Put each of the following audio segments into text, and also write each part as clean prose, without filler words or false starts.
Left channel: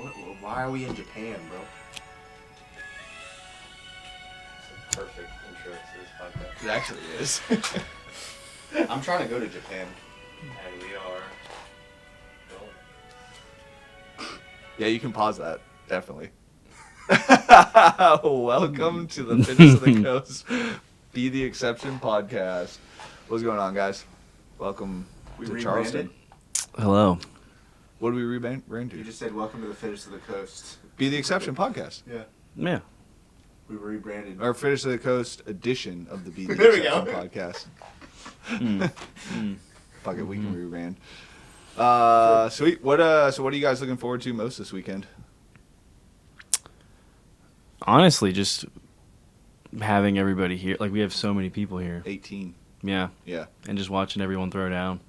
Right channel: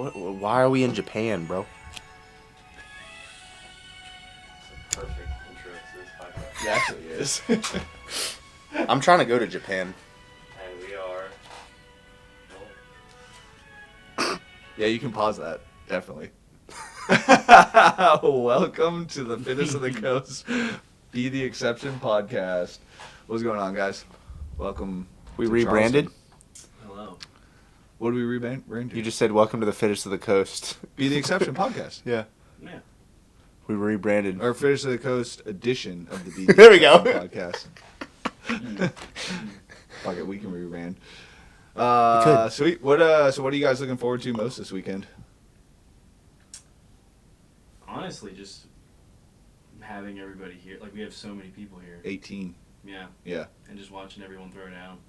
Why are we in Japan, bro? It's a perfect intro to this podcast. It actually is. I'm trying to go to Japan. And we are. Yeah, you can pause that. Definitely. Welcome to the Fittest of the Coast Be the Exception podcast. What's going on, guys? Welcome. We to rebranded? Charleston. Hello. What did we rebrand to? You just said welcome to the Fittest of the Coast. Be the Exception podcast. Yeah. Yeah. We rebranded. Our Fittest of the Coast edition of the Be the There we go. Exception podcast. Fuck it, we can rebrand. Sweet. What are you guys looking forward to most this weekend? Honestly, just having everybody here. Like, we have so many people here. 18. Yeah. Yeah. And just watching everyone throw down.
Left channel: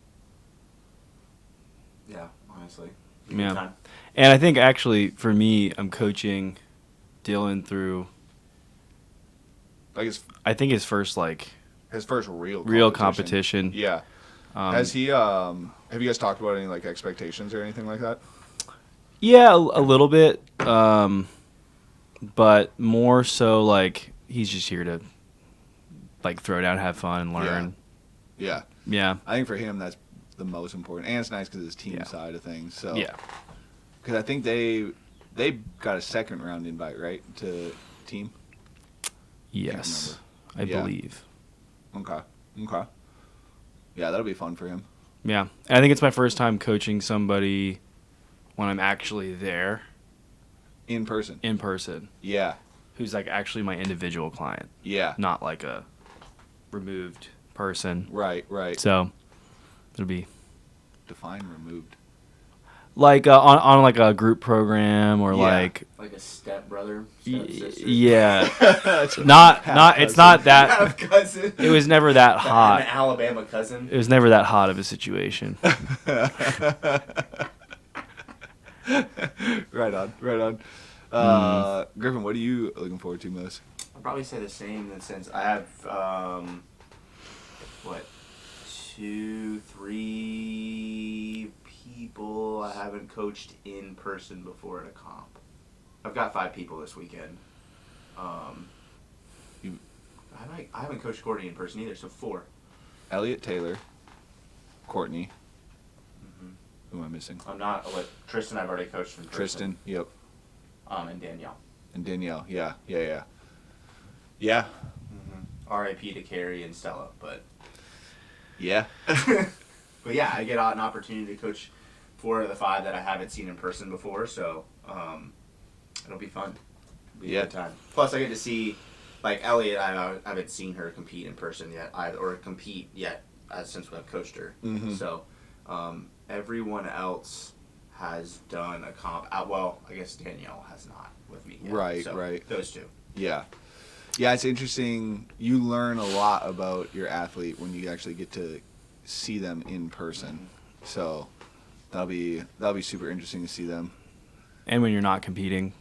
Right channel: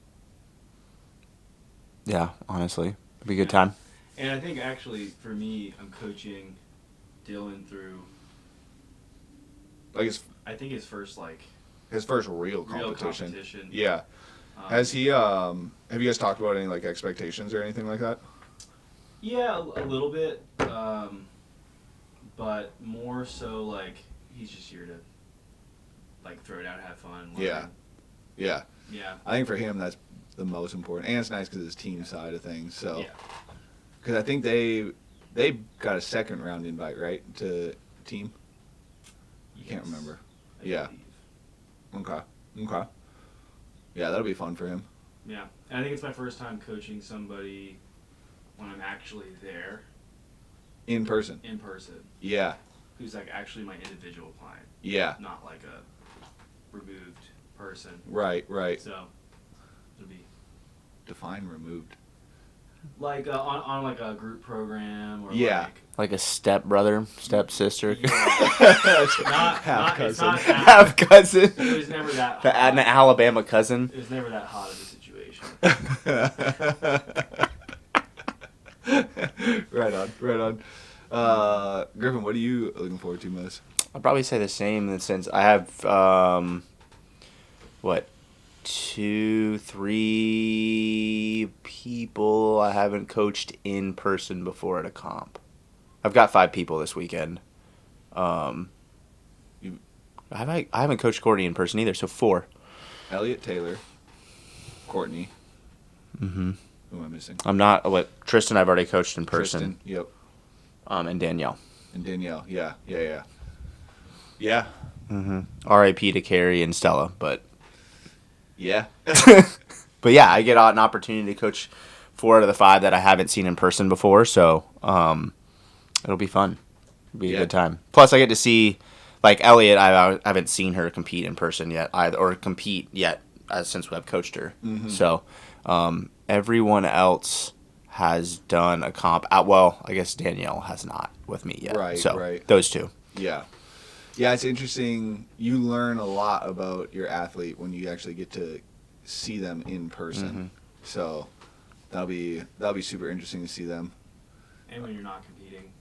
Yeah, honestly. It'd be a good Yeah. time. And I think, actually, for me, I'm coaching Dylan through, Like I think, his first, his first real competition. Yeah. Has he have you guys talked about any expectations or anything like that? Yeah, a little bit. But more so, he's just here to, throw down, have fun, learn. Yeah. Yeah. I think for him that's the most important, and it's nice because it's team side of things. So Yeah. because I think they got a second round invite, right, to team. Yes. Can't remember. I Yeah. believe. Okay. Yeah, that'll be fun for him. Yeah. And I think it's my first time coaching somebody when I'm actually there In person. in person, Yeah. who's actually my individual client, Yeah. not like a removed person. Right. So it'll be Define removed. on a group program or Yeah. Like a step brother, step sister. Yeah. not it's not that Half cousin. it was never that An hot. Alabama cousin. It was never that hot of a situation. Right on. Griffin, what are you looking forward to most? I'd probably say the same in the sense I have, 2, 3 people I haven't coached in person before at a comp. I've got 5 people this weekend. I haven't coached Courtney in person either, so 4. Elliot Taylor, Courtney. Mm-hmm. Who am I missing? I'm not. Tristan I've already coached in person. Tristan. Yep. And Danielle. And Danielle. Yeah. Mm-hmm. R.I.P. to Carrie and Stella, but. Yeah. But yeah, I get an opportunity to coach 4 out of the 5 that I haven't seen in person before, so it'll be fun. It'll be a good time. Plus, I get to see, Elliot, I haven't seen her compete in person yet, since I've coached her. Mm-hmm. So everyone else has done a comp. I guess Danielle has not with me yet. Right, so right. Those 2. Yeah. Yeah, it's interesting. You learn a lot about your athlete when you actually get to see them in person. Mm-hmm. So that'll be super interesting to see them. And when you're not competing.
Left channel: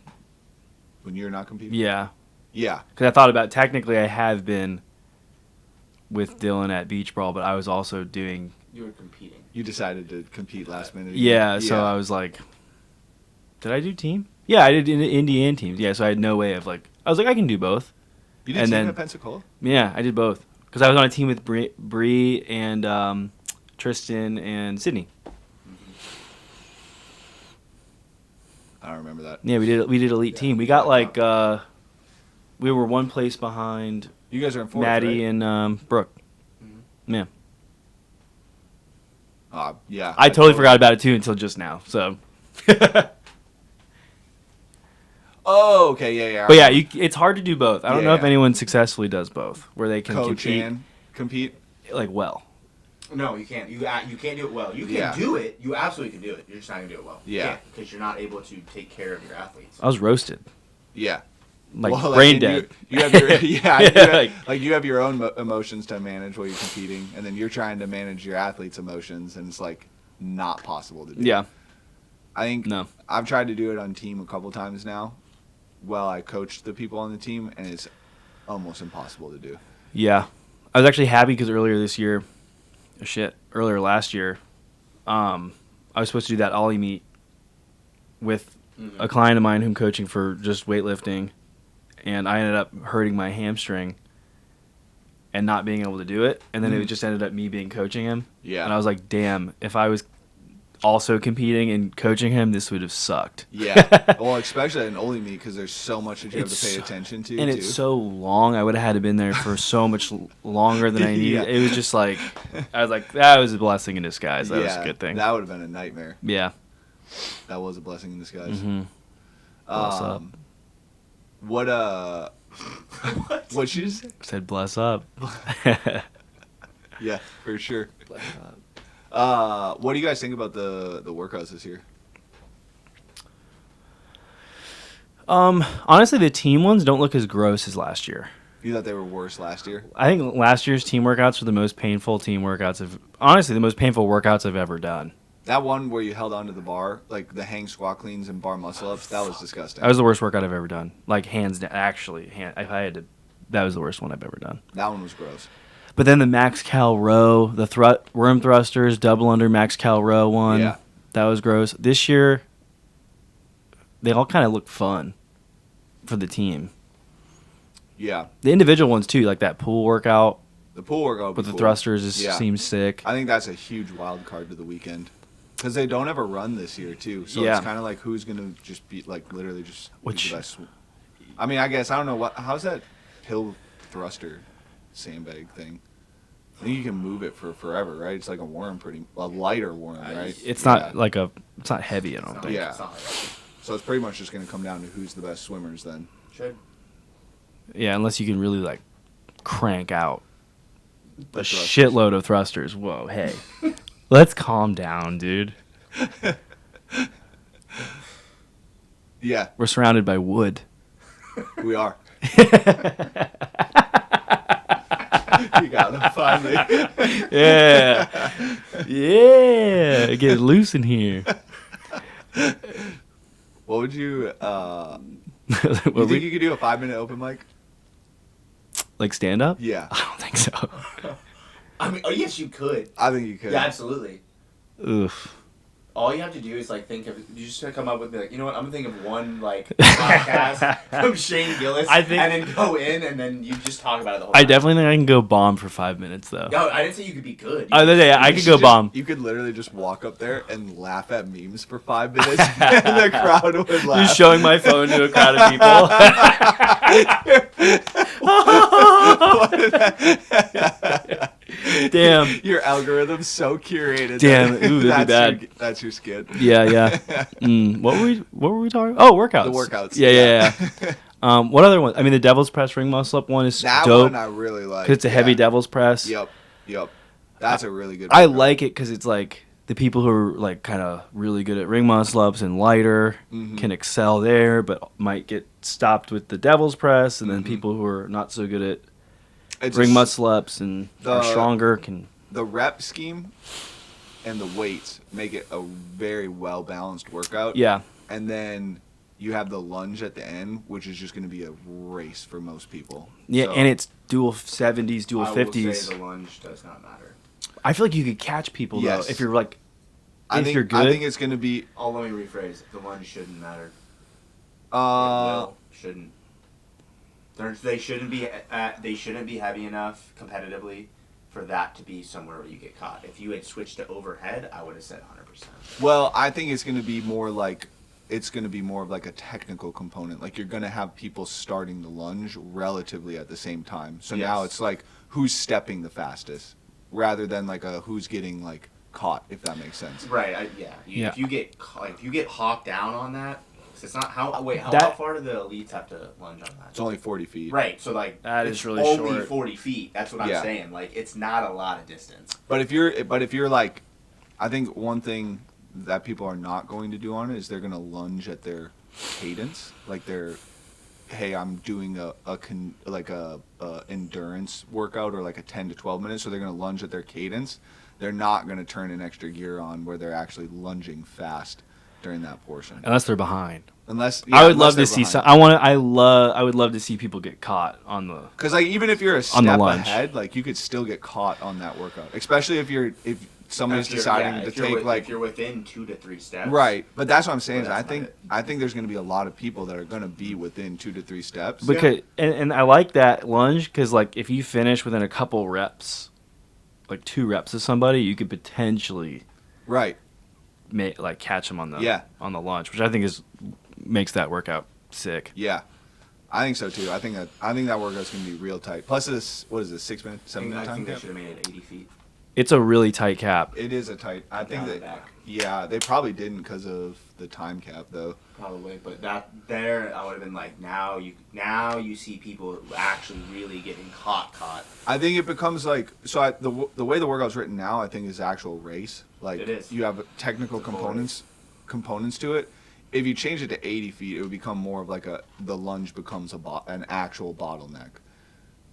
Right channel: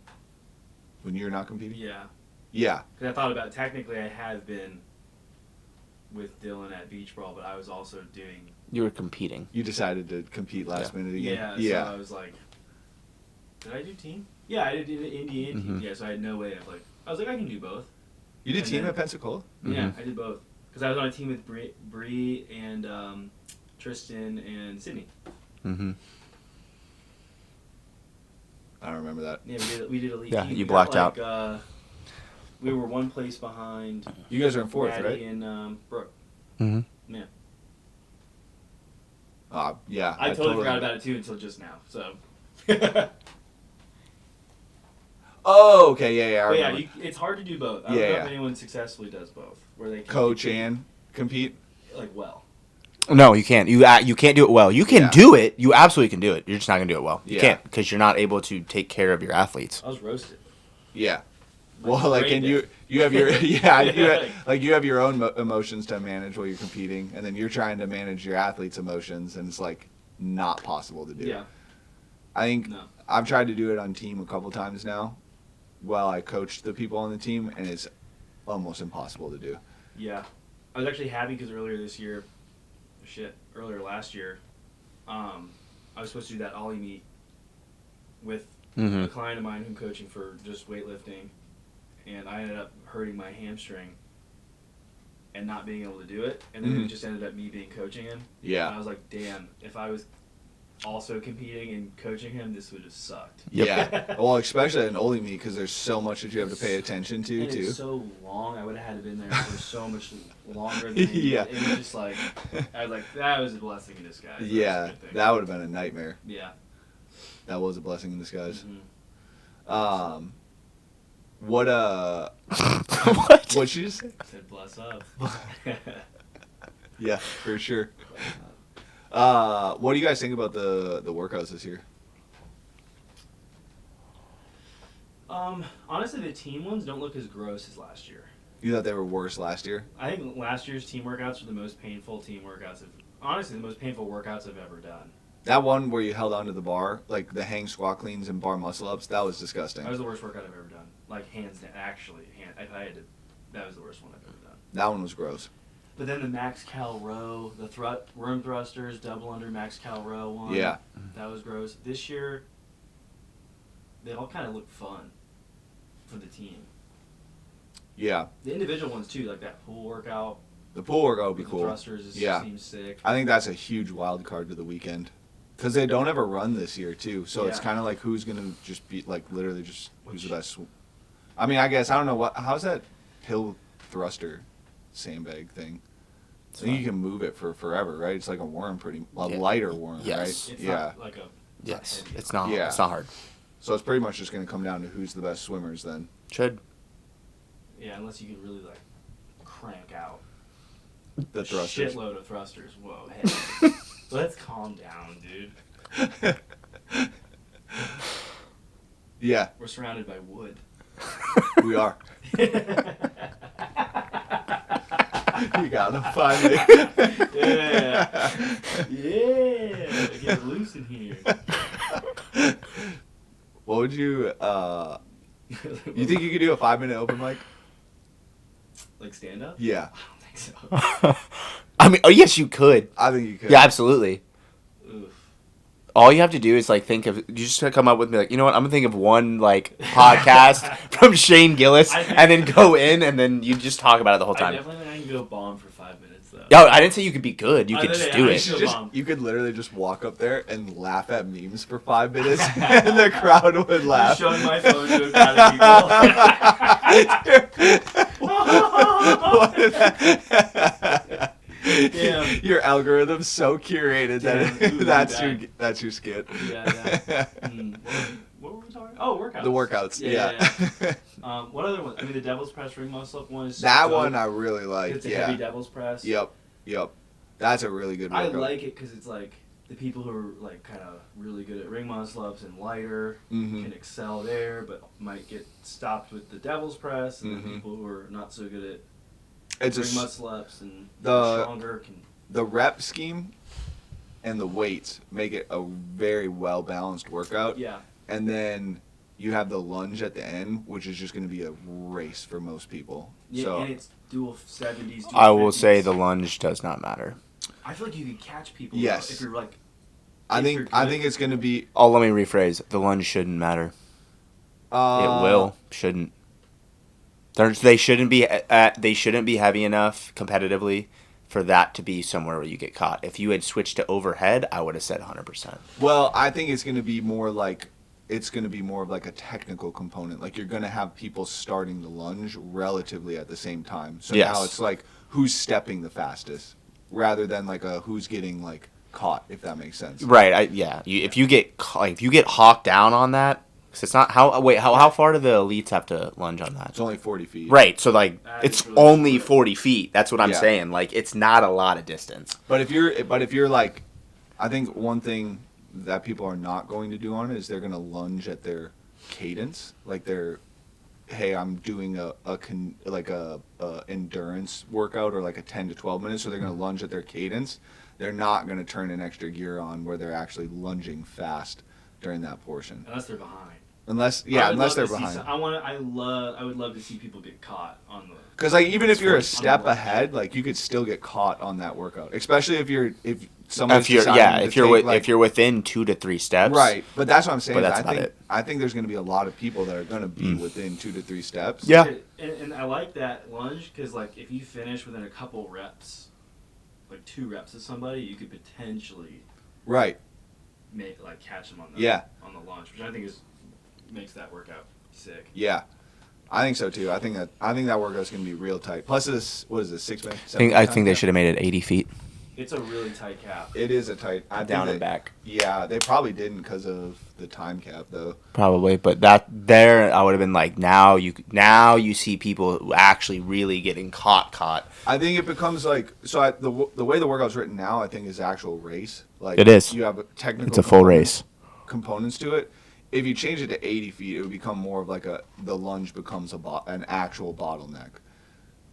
When you're not competing? Yeah. Yeah. Because I thought about, technically I have been with Dylan at Beach Brawl, but I was also doing... You were competing. You decided to compete last minute again. Yeah, so I was like, did I do team? Yeah, I did Indy and team. Mm-hmm. Yeah, so I had no way of I was like, I can do both. You did And team then- at Pensacola? Yeah, I did both. Because I was on a team with Bree and Tristan and Sydney. Mm-hmm. I don't remember that. Yeah, we did elite Yeah, team. you We got blocked we were 1 place behind You guys are in fourth, Maddie right? and Brooke. Mm-hmm. Yeah. Yeah. I totally forgot about it too until just now. So. Oh, okay. Yeah. But yeah, it's hard to do both. I don't know if Yeah. anyone successfully does both, where they can coach compete, and compete. well. No, you can't. You can't do it well. You can do it. You absolutely can do it. You're just not gonna do it well. You Yeah. can't because you're not able to take care of your athletes. I was roasted. Yeah. Brain and dead. you have your you Yeah, you have your own emotions to manage while you're competing, and then you're trying to manage your athletes' emotions, and it's not possible to do. Yeah. I think No. I've tried to do it on team a couple times now, while I coach the people on the team, and it's almost impossible to do. Yeah. I was actually happy because earlier last year, I was supposed to do that Ollie meet with Mm-hmm. a client of mine who I'm coaching for just weightlifting, and I ended up hurting my hamstring and not being able to do it, and then it just ended up me coaching him. Yeah. And I was like, damn, if I was also competing and coaching him, this would have sucked. Yeah. Well, especially in only me because there's so much that you have to pay attention to, and too. it's so long. I would have had to been there for so much longer than I needed. Yeah. It was just like, I was like, that was a blessing in disguise. That was a good thing. That would have been a nightmare. Yeah. That was a blessing in disguise. Mm-hmm. What what'd you just say? I said, bless up. Yeah, for sure. What do you guys think about the workouts this year? Honestly, the team ones don't look as gross as last year. You thought they were worse last year? I think last year's team workouts were the most painful honestly, the most painful workouts I've ever done. That one where you held onto the bar, like the hang squat cleans and bar muscle ups, that was disgusting. That was the worst workout I've ever done. Like, hands down. Actually, if I had to, that was the worst one I've ever done. That one was gross. But then the max cal row, the worm thrusters, double under max cal row one. Yeah. That was gross. This year, they all kind of look fun for the team. Yeah. The individual ones, too, like that pool workout The pool workout would be with the cool. thrusters seems sick. I think that's a huge wild card to the weekend. Because they don't ever run this year, too. So it's kind of like who's going to just be, like, literally just who's the best. I mean, I guess, I don't know, how's that pill thruster sandbag thing? I think you can move it for forever, right? It's like a worm, lighter worm, right? It's not like it's not heavy at all. It's not hard. So it's pretty much just going to come down to who's the best swimmers then. Should. Yeah, unless you can really, like, crank out The a thrusters. shitload of thrusters. Whoa, hey. Let's calm down, dude. Yeah, We're surrounded by wood. we are. You got him finally. Yeah. Yeah. Get loose in here. What would you? You think you could do a 5-minute open mic? Like stand up? Yeah, I don't think so. I mean, oh yes, you could. I think you could. Yeah, absolutely. Oof. All you have to do is like think of. You just gotta come up with me like, you know what? I'm gonna think of one like podcast from Shane Gillis, and then go in, and then you just talk about it the whole time. I definitely think I can go bomb for 5 minutes though. No, I didn't say you could be good. You could just do I it. could go bomb. You could literally just walk up there and laugh at memes for 5 minutes, and the crowd would laugh. Just showing my phone to a crowd of people. Damn. Your algorithm's so curated. Damn, that ooh, that's your skit. Yeah. What were we talking about? Oh, workouts. The workouts. Yeah. What other one? I mean, the devil's press ring muscle up one is That dope. one I really like. 'Cause it's a heavy devil's press. Yep. That's a really good I workout. like it because it's like the people who are like kind of really good at ring muscle ups and lighter can excel there, but might get stopped with the devil's press, and then people who are not so good at ring muscle ups and are stronger can. The rep scheme and the weights make it a very well balanced workout. Yeah. And then you have the lunge at the end, which is just going to be a race for most people. Yeah, So- and it's dual 70s, dual 50s. I will say the lunge does not matter. I feel like you could catch people Yes. though, if you're like. I if you're think good. it's going to be. Oh, let me rephrase. The lunge shouldn't matter. It will. Shouldn't. They shouldn't be. They shouldn't be heavy enough competitively for that to be somewhere where you get caught. If you had switched to overhead, I would have said 100%. Well, I think it's going to be more like. It's going to be more of like a technical component. Like you're going to have people starting the lunge relatively at the same time. So Yes. now it's like who's stepping the fastest, rather than like a who's getting like caught. If that makes sense. Right. If you get hawked down on that, 'cause it's not how far do the elites have to lunge on that? It's only 40 feet. Right. So like That it's is really only short. 40 feet. That's what I'm Yeah. saying. Like it's not a lot of distance. But if you're like, I think one thing that people are not going to do on it is they're going to lunge at their cadence, like hey, I'm doing a endurance workout or like a 10 to 12 minutes, so they're going to lunge at their cadence. They're not going to turn an extra gear on where they're actually lunging fast during that portion. Unless they're behind. I would love to see some. I would love to see people get caught on the. Because like even if you're a On the step lunge. ahead, like you could still get caught on that workout. Especially if somebody's deciding to take if you're within 2 to 3 steps. Right, but that's what I'm saying. But Is that's I think there's going to be a lot of people that are going to be within 2 to 3 steps. Yeah, and I like that lunge because like if you finish within a couple reps, like 2 reps of somebody, you could potentially catch them on the lunge, which I think makes that workout sick. Yeah. I think so too. I think that workout's going to be real tight. Plus, what is this, 6 minutes? I think they should have made it 80 feet. It's a really tight cap. It is a tight. Down and back. Yeah, they probably didn't because of the time cap though. Probably, but I would have been like, now you see people actually really getting caught. I think it becomes like the way the workout's written now. I think is actual race. Like it is. You have a technical. It's a full race. Components to it. If you change it to 80 feet, it would become more of like the lunge becomes an actual bottleneck.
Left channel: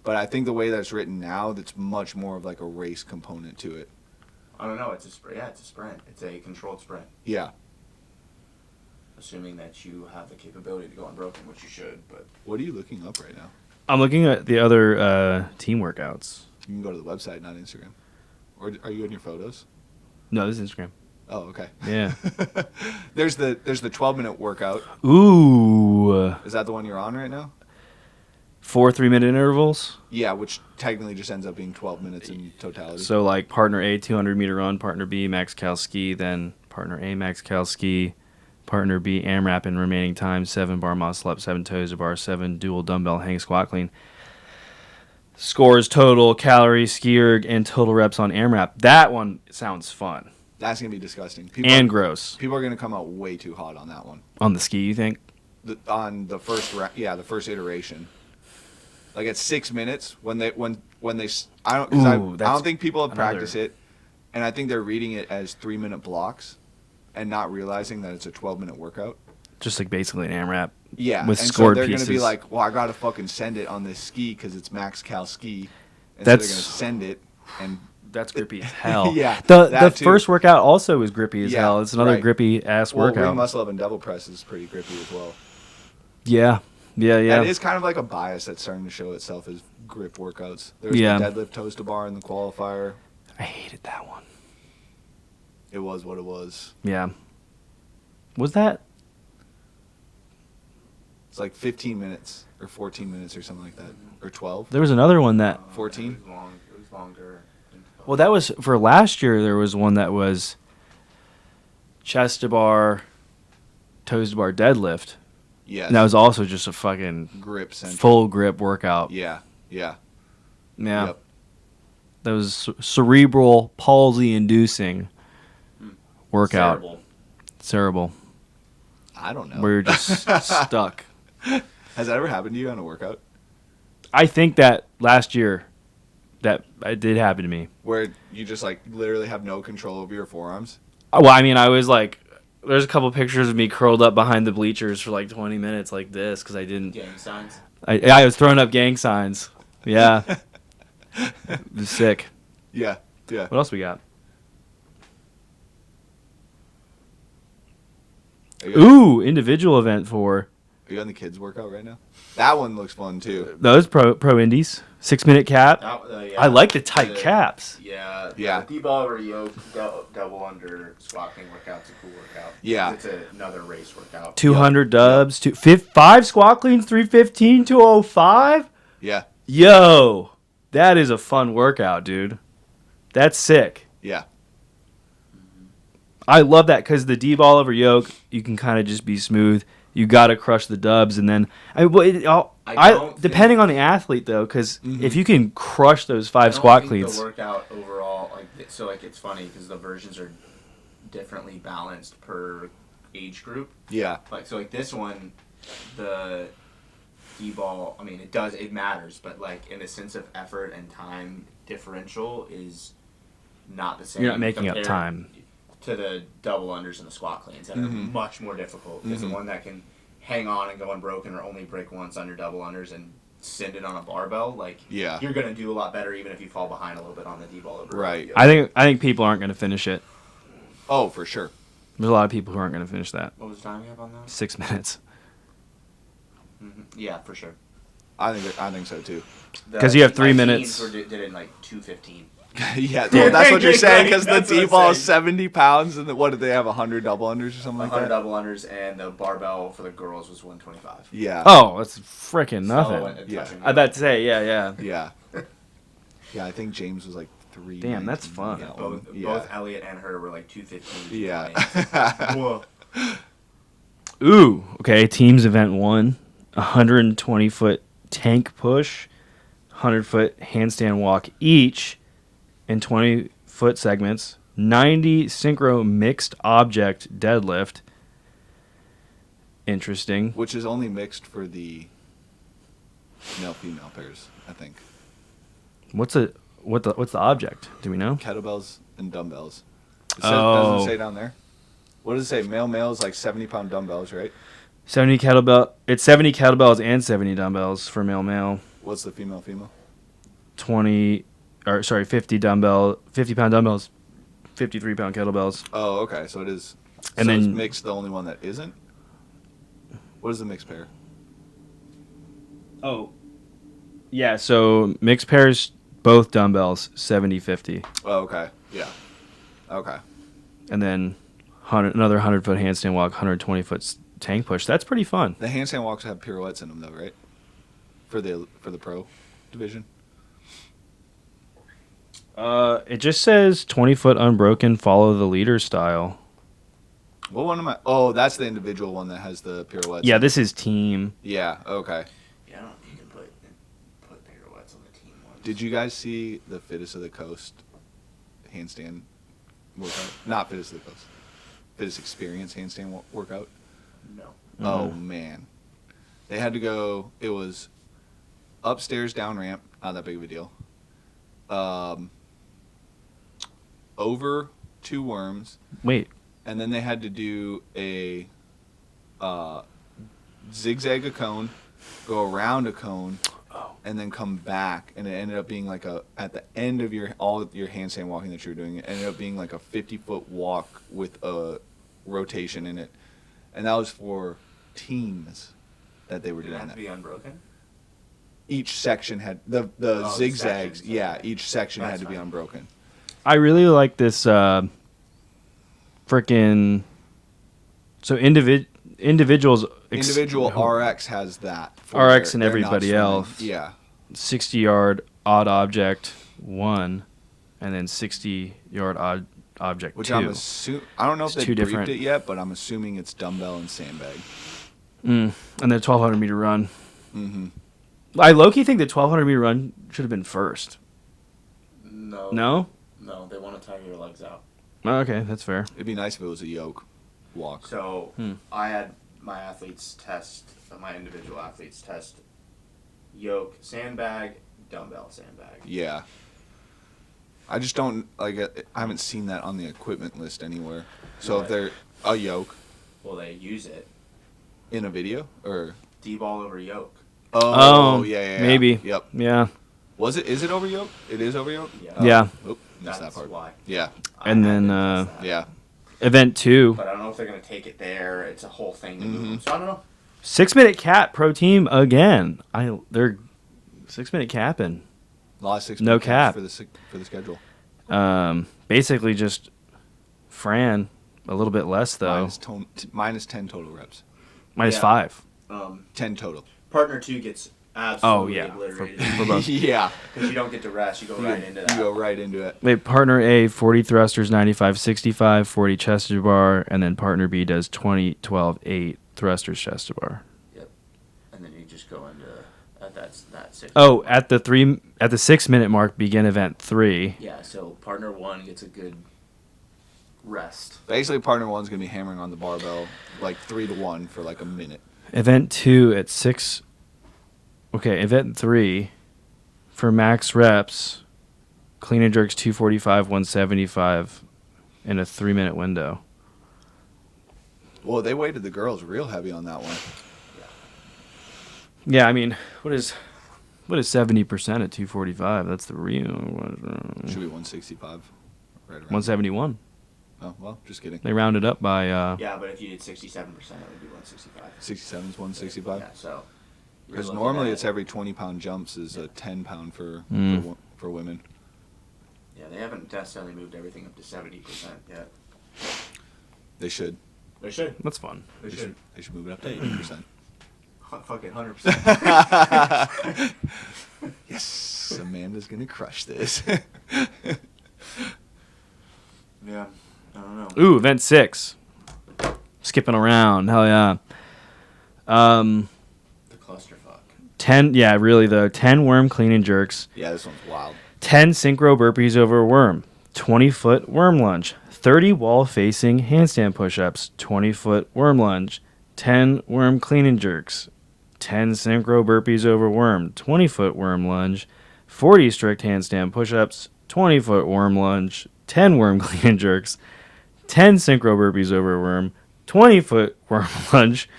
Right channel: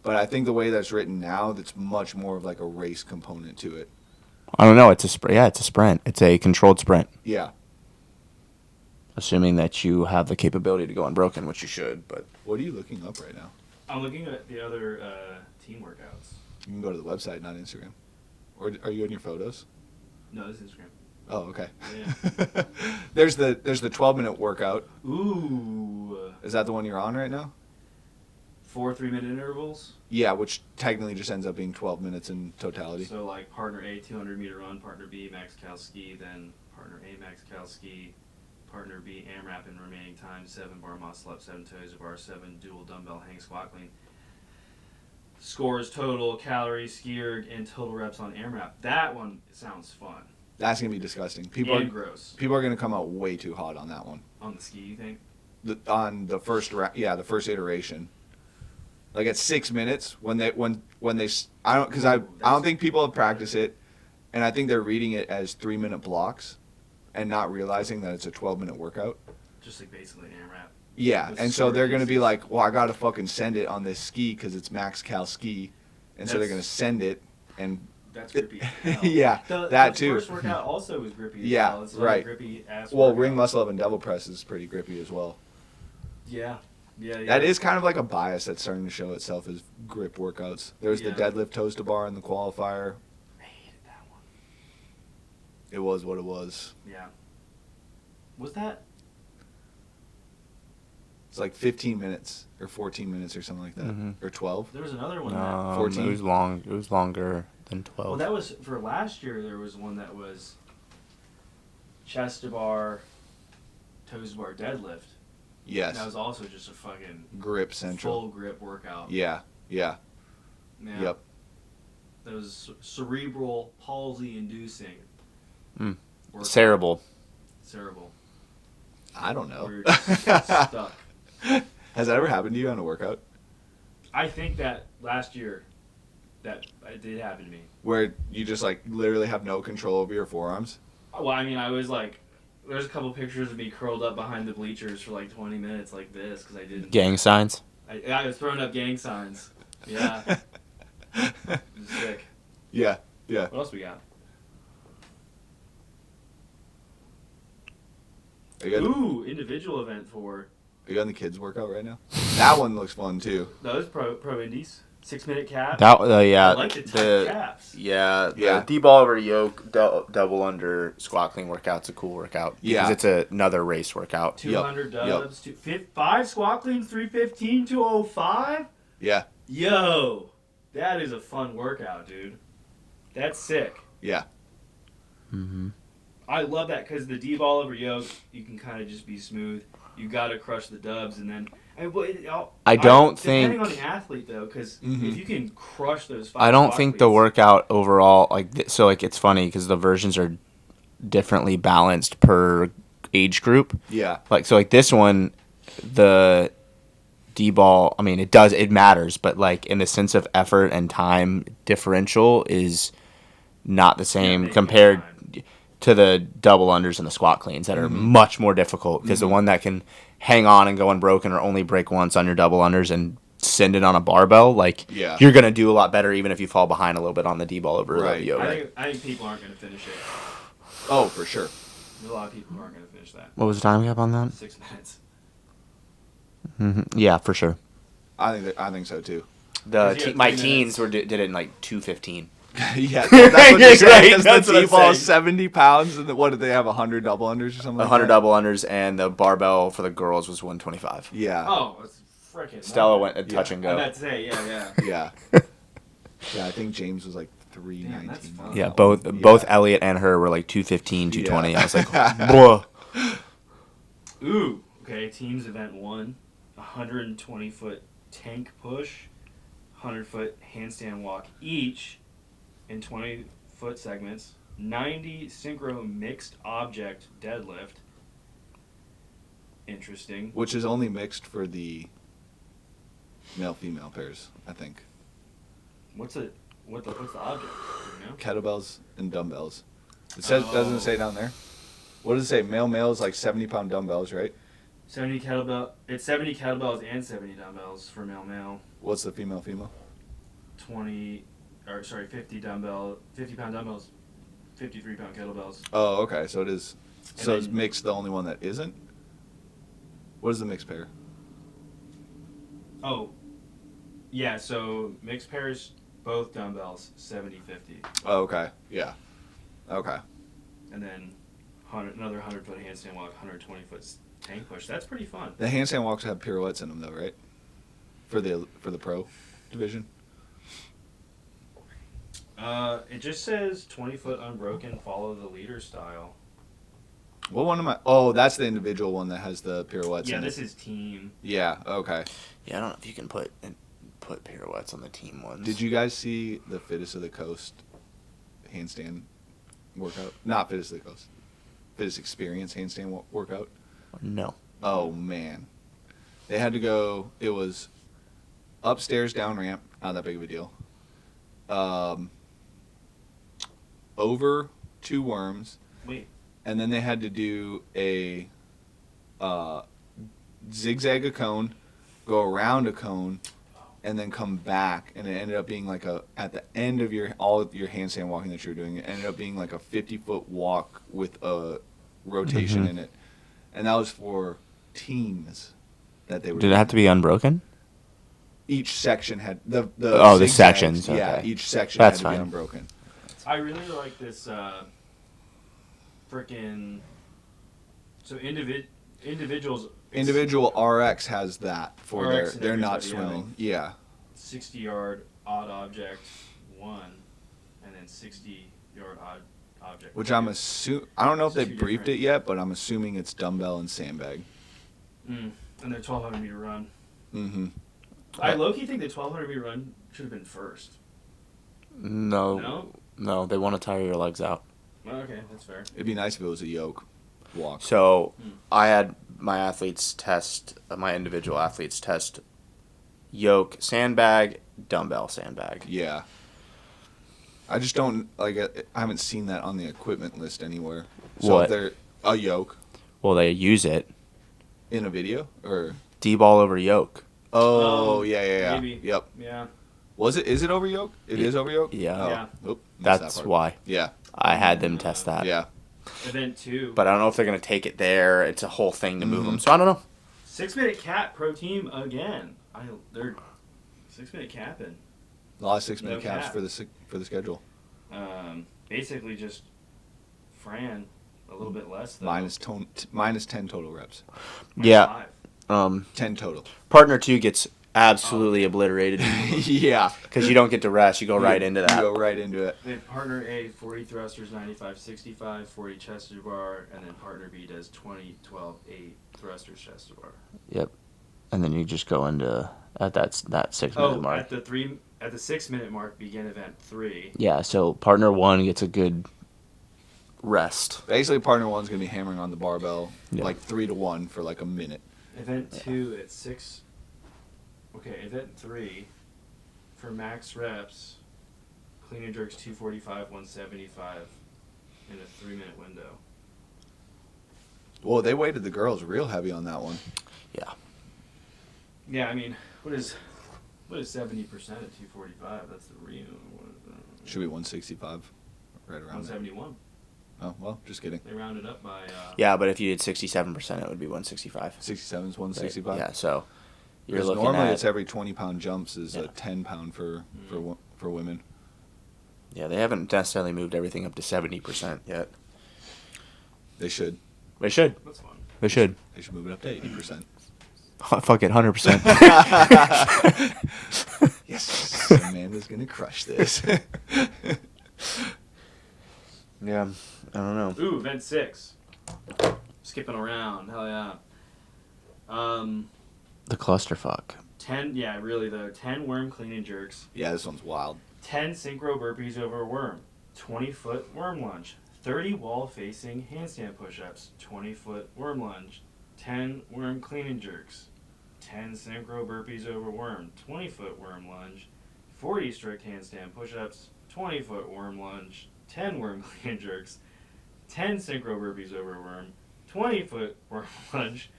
But I think the way that's written now, that's much more of like a race component to it. I don't know. It's a sprint. Yeah, it's a sprint. It's a controlled sprint. Yeah. Assuming that you have the capability to go unbroken, which you should. But what are you looking up right now? I'm looking at the other team workouts. You can go to the website, not Instagram. Or are you in your photos? No, this is Instagram. Oh, okay. Yeah. There's the 12-minute workout. Ooh. Is that the one you're on right now? 4 3-minute intervals. Yeah, which technically just ends up being 12 minutes in totality. So like partner A 200-meter run, partner B max cal ski, then partner A max cal ski, partner B AMRAP in remaining time, 7 bar muscle up, 7 toes to bar, 7 dual dumbbell hang squat clean. Scores total calories, ski erg, and total reps on AMRAP. That one sounds fun. That's going to be disgusting. Gross. People are going to come out way too hot on that one. On the ski, you think? On the first iteration. Like at 6 minutes I don't think people have practiced it, and I think they're reading it as 3-minute blocks and not realizing that it's a 12-minute workout. Just like basically an AMRAP. Yeah, and so they're going to be like, well, I got to fucking send it on this ski because it's max cal ski. And so they're going to send it and... That's grippy as hell. Yeah, the first workout also is grippy as hell. It's another grippy ass workout. Well, ring muscle up and double press is pretty grippy as well. Yeah. That is kind of like a bias that's starting to show itself as grip workouts. There's the deadlift toes to bar in the qualifier. I hated that one. It was what it was. Yeah. Was that? It's like 15 minutes or 14 minutes or something like that, or 12. There was another one that 14. It was long. It was longer. 12. Well, that was for last year. There was one that was chest to bar, toes to bar deadlift. Yes. And that was also just a fucking grip central. Full grip workout. Yeah. Yep. That was cerebral palsy inducing workout. Cerebral. I don't know. Where you're just stuck. Has that ever happened to you on a workout? I think that last year. That it did happen to me. Where you just like literally have no control over your forearms? Well, I mean, I was like, there's a couple pictures of me curled up behind the bleachers for like 20 minutes like this because I didn't. Gang signs? I was throwing up gang signs. Yeah. It was sick. Yeah. What else we got? Ooh, individual event for. Are you on the kids workout right now? That one looks fun too. Those pro indies. 6-minute cap. I like the tight caps. Yeah. D-ball over yoke, double under squat clean workout's a cool workout. Yeah. It's another race workout. 200 dubs. 5 squat cleans, 315, 205. Yeah. Yo, that is a fun workout, dude. That's sick. Yeah. Mm-hmm. I love that because the D-ball over yoke, you can kind of just be smooth. You got to crush the dubs, and then depending on the athlete though, because if you can crush those 5 squat cleans, I don't think the workout overall it's funny because the versions are differently balanced per age group. Yeah, like this one, the D-ball. I mean, it matters, but like in the sense of effort and time differential is not the same compared to the double unders and the squat cleans that are much more difficult because the one that can hang on and go unbroken or only break once on your double unders and send it on a barbell, you're going to do a lot better even if you fall behind a little bit on the D-ball over. Right. I think people aren't going to finish it. Oh, for sure. There's a lot of people who aren't going to finish that. What was the time cap on that? 6 minutes. Mm-hmm. Yeah, for sure. I think so too. Because you have 3 minutes. Did it in like 2:15. Yeah, well, that's what you're saying. Because the That's what I'm T-ball is saying. 70 pounds, and what did they have? 100 double unders or something like 100 that? double unders, and the barbell for the girls was 125. Yeah. Oh, that's freaking Stella nothing. went a touch and go. I bet to say, yeah. Yeah. Yeah, I think James was like 3. Damn, that's fun. Yeah, that both one. both Yeah. Elliot and her were like 215, 220. Yeah. I was like, whoa. Ooh, okay. Teams event 1, 120-foot tank push, 100-foot handstand walk each in 20-foot segments, 90 synchro mixed object deadlift. Interesting. Which is only mixed for the male-female pairs, I think. What's the object? Do we know? Kettlebells and dumbbells. It says, doesn't it say down there? What does it say? Male is like 70-pound dumbbells, right? 70 kettlebell. It's 70 kettlebells and 70 dumbbells for male. What's the female? 50 pound dumbbells, 53-pound kettlebells. Oh, okay. So it is. And So then- is mixed the only one that isn't? What is the mixed pair? Oh. Yeah, so mixed pairs, both dumbbells, 70-50. Oh, okay. Yeah. Okay. And then another 100-foot handstand walk, 120-foot tank push. That's pretty fun. The handstand walks have pirouettes in them, though, right? For the pro division. It just says 20-foot unbroken, follow the leader style. What one am I? Oh, that's the individual one that has the pirouettes. Yeah, in this it. is team. Yeah. Okay. Yeah, I don't know if you can put pirouettes on the team ones. Did you guys see the Fittest of the Coast handstand workout? Not Fittest of the Coast. Fittest Experience handstand workout. No. Oh man, they had to go. It was upstairs, down ramp, not that big of a deal. Over 2 worms, Wait. and then they had to do a zigzag a cone, go around a cone, and then come back. And it ended up being like at the end of all of your handstand walking that you were doing, it ended up being like a 50-foot walk with a rotation in it, and that was for teams that they were. Did it have to be unbroken? Each section had the the zigzags, sections, Yeah, okay. each section That's had to be fine. unbroken. I really like this freaking. So individuals. Individual RX has that for RX and they're not everybody swimming. else. Yeah. 60-yard odd object 1, and then 60-yard odd object Which 2. I'm assuming, I don't know if It's they two briefed different- it yet, but I'm assuming it's dumbbell and sandbag. And then 1,200 meter run. Mm-hmm. I low-key think the 1,200 meter run should have been first. No. No? No, they want to tire your legs out. Oh, okay, that's fair. It'd be nice if it was a yoke walk. So I had my individual athletes test yoke, sandbag, dumbbell, sandbag. Yeah. I just don't I haven't seen that on the equipment list anywhere. So What? if they're a yoke Well, they use it. in a video or D-ball over yoke. oh yeah. Maybe. Yep. Yeah. Is it over yoke? It is over yoke? Yeah. Oh. Yeah. Oop, missed That's that part. why. Yeah. I And had then, them test that. Yeah. Event 2. But I don't know if they're going to take it there. It's a whole thing to move Mm-hmm. them. So I don't know. 6-minute cap pro team again. They're 6-minute capping. A lot of 6 No cap. for the schedule. Basically just Fran a little bit less though. Minus 10 total reps. Minus Yeah. 5. 10 total. Partner 2 gets absolutely Oh, yeah. obliterated Yeah. because you don't get to rest. You go right into that. You go right into it. Wait, partner A 40 thrusters 95-65, 40 chest to bar, and then partner B does 20-12-8 thrusters chest to bar. Yep. And then you just go into at that 6 Oh, mark. at the 6-minute mark begin event 3. Yeah, so partner 1 gets a good rest. Basically, partner 1's going to be hammering on the barbell like 3-1 for like a minute. Event 2 at 6. Okay, event 3 for max reps, clean and jerks 245, 175 in a 3-minute window. Well, they weighted the girls real heavy on that one. Yeah. Yeah, I mean, what is 70% at 245? That's the real Should be 165. Right around. 171. Oh, well, just kidding. They rounded up by Yeah, but if you did 67%, it would be 165. 67 is 165. Yeah, so you're Because looking normally at- it's every 20-pound jumps is a 10-pound for women. Yeah, they haven't necessarily moved everything up to 70% yet. They should. They should. That's fun. They should. They should move it up to 80%. Fuck it, 100%. Yes, Amanda's gonna crush this. Yeah, I don't know. Ooh, event 6. Skipping around. Hell yeah. The clusterfuck. 10, yeah, really though. 10 worm clean and jerks. Yeah, this one's wild. 10 synchro burpees over a worm. 20-foot worm lunge. 30 wall-facing handstand push-ups. 20-foot worm lunge. 10 worm clean and jerks. 10 synchro burpees over worm. 20-foot worm lunge. 40 strict handstand push-ups. 20-foot worm lunge. 10 worm clean and jerks. 10 synchro burpees over a worm. 20-foot worm lunge.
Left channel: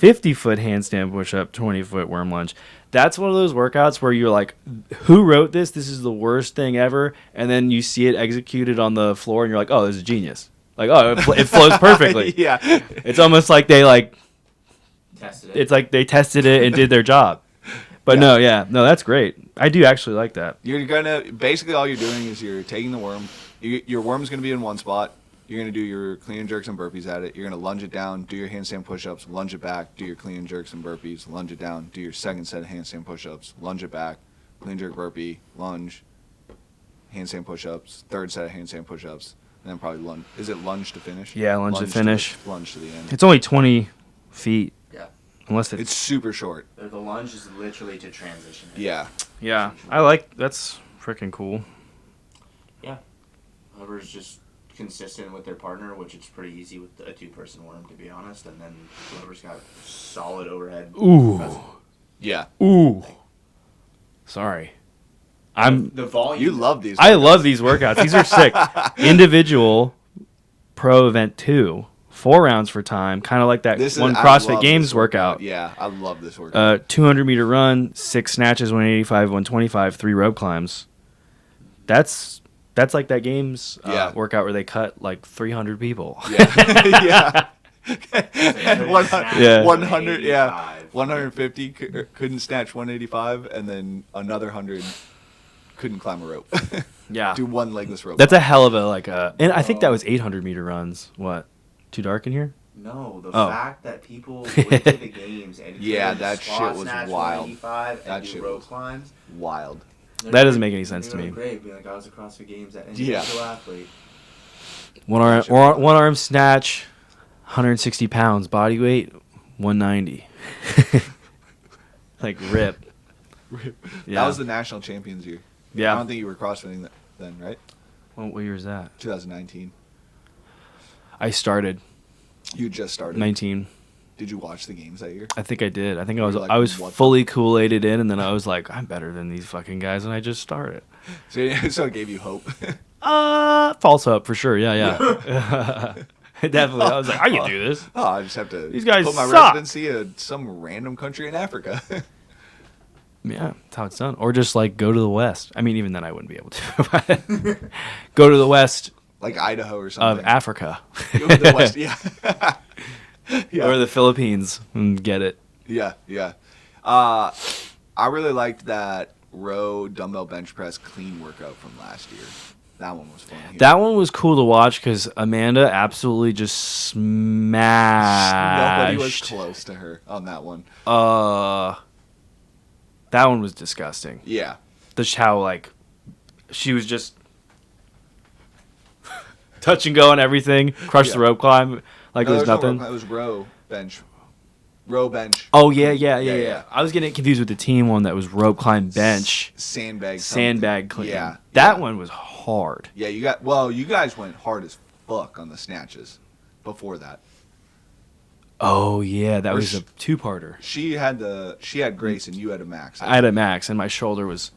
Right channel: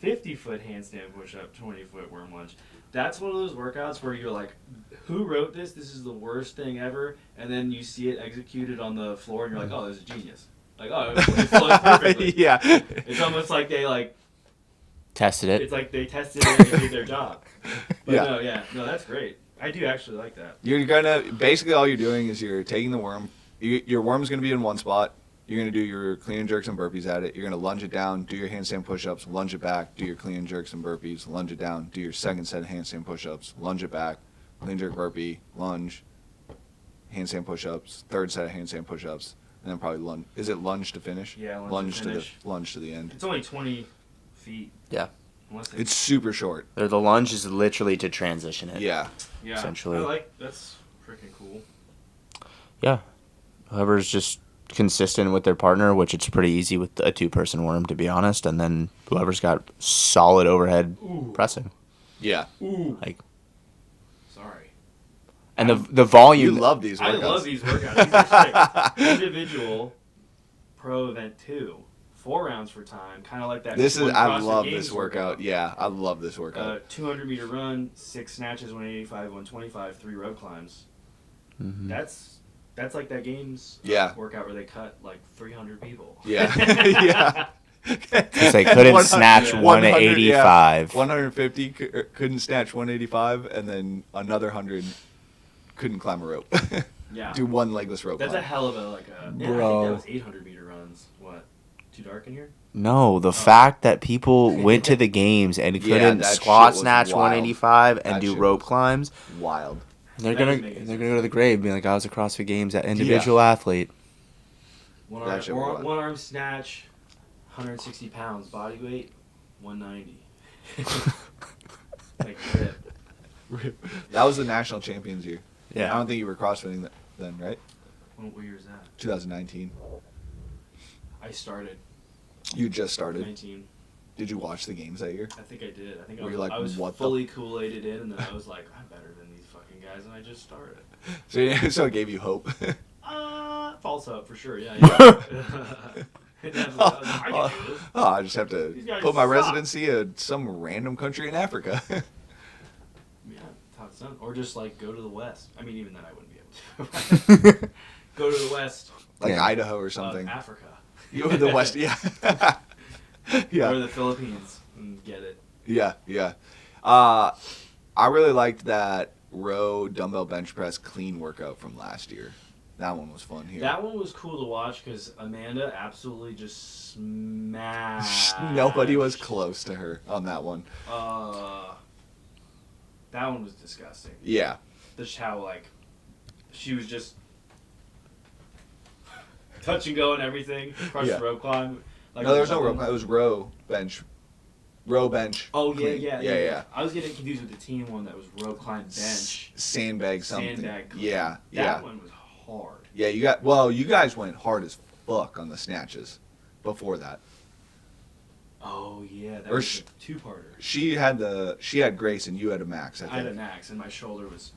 50-foot handstand push-up. 20-foot worm lunge. That's one of those workouts where you're like, who wrote this? This is the worst thing ever. And then you see it executed on the floor and you're like, oh, this is genius. Like, oh, it flows perfectly. Yeah. It's almost like they Tested it. it's like they tested it and did their job. But Yeah. no, that's great. I do actually like that. You're gonna basically all you're doing is you're taking the worm. Your worm's gonna be in one spot. You're gonna do your clean and jerks and burpees at it. You're gonna lunge it down, do your handstand push-ups, lunge it back, do your clean and jerks and burpees, lunge it down, do your second set of handstand push-ups, lunge it back, clean jerk burpee, lunge, handstand push-ups, third set of handstand push-ups, and then probably lunge. Is it lunge to finish? Yeah, lunge to finish. Lunge to the end. It's only 20 feet. Yeah. Unless It's super short. The lunge is literally to transition it. Yeah. yeah. essentially. That's freaking cool. Yeah. Whoever's just consistent with their partner, which it's pretty easy with a 2-person worm, to be honest, and then whoever's got solid overhead pressing. Yeah. Ooh. Like, Sorry. the volume. You love these. I workouts. love these workouts. These are sick. Individual pro event 2. 4 rounds for time, kind of like that This is one I CrossFit love Games this workout. Yeah, I love this workout. 200 meter run, 6 snatches, 185, 125, 3 rope climbs. Mm-hmm. That's like that games Yeah. workout where they cut like 300 people. Yeah. Yeah. They couldn't snatch 100, yeah. 185. 150 couldn't snatch 185, and then another 100 couldn't climb a rope. Yeah. Do one legless rope. That's a climb. hell of a and I think that was 800 meter runs. What? Too dark in here? No, the fact that people went to the games and couldn't Yeah, that squat shit was snatch wild. 185 and That do shit rope was climbs. wild. That doesn't make any sense Go to to me. the grave, being like, I was a CrossFit Games at individual athlete. One That shit was wild. arm snatch, 160 pounds, body weight, 190. Like rip. Yeah. That was the national champions year. Yeah. I don't think you were CrossFitting then, right? What year is that? 2019. I started You just started. 19. Did you watch the games that year? I think I did. I think You I was were like, I was "What the-" fully Kool-Aided in, and then I was like, I'm better than these fucking guys, and I just started. So it gave you hope. False up for sure. Yeah. Definitely. I was like, I can do this. Oh, I just have to These guys put my suck. residency in some random country in Africa. Yeah, that's how it's done. Or just like go to the West. I mean, even then I wouldn't be able to. Go to the West Like Idaho or of something. Africa. Go to the West, yeah. Yeah. Or the Philippines and get it. Yeah, yeah. I really liked that row dumbbell bench press clean workout from last year. That one was fun. Here. That one was cool to watch because Amanda absolutely just smashed. Nobody was close to her on that one. That one was disgusting. Yeah. Just how like she was just touch and go on everything, crush the rope climb like No, it was there was no nothing. rope. It was row bench. Oh yeah, clean. yeah. I was getting confused with the team one that was rope climb bench, Sandbag something. sandbag clean. Yeah. That yeah. one was hard. Yeah, you guys went hard as fuck on the snatches before that. Oh yeah, that Or was a 2-parter. She had Grace and you had a Max. I had a max and my shoulder was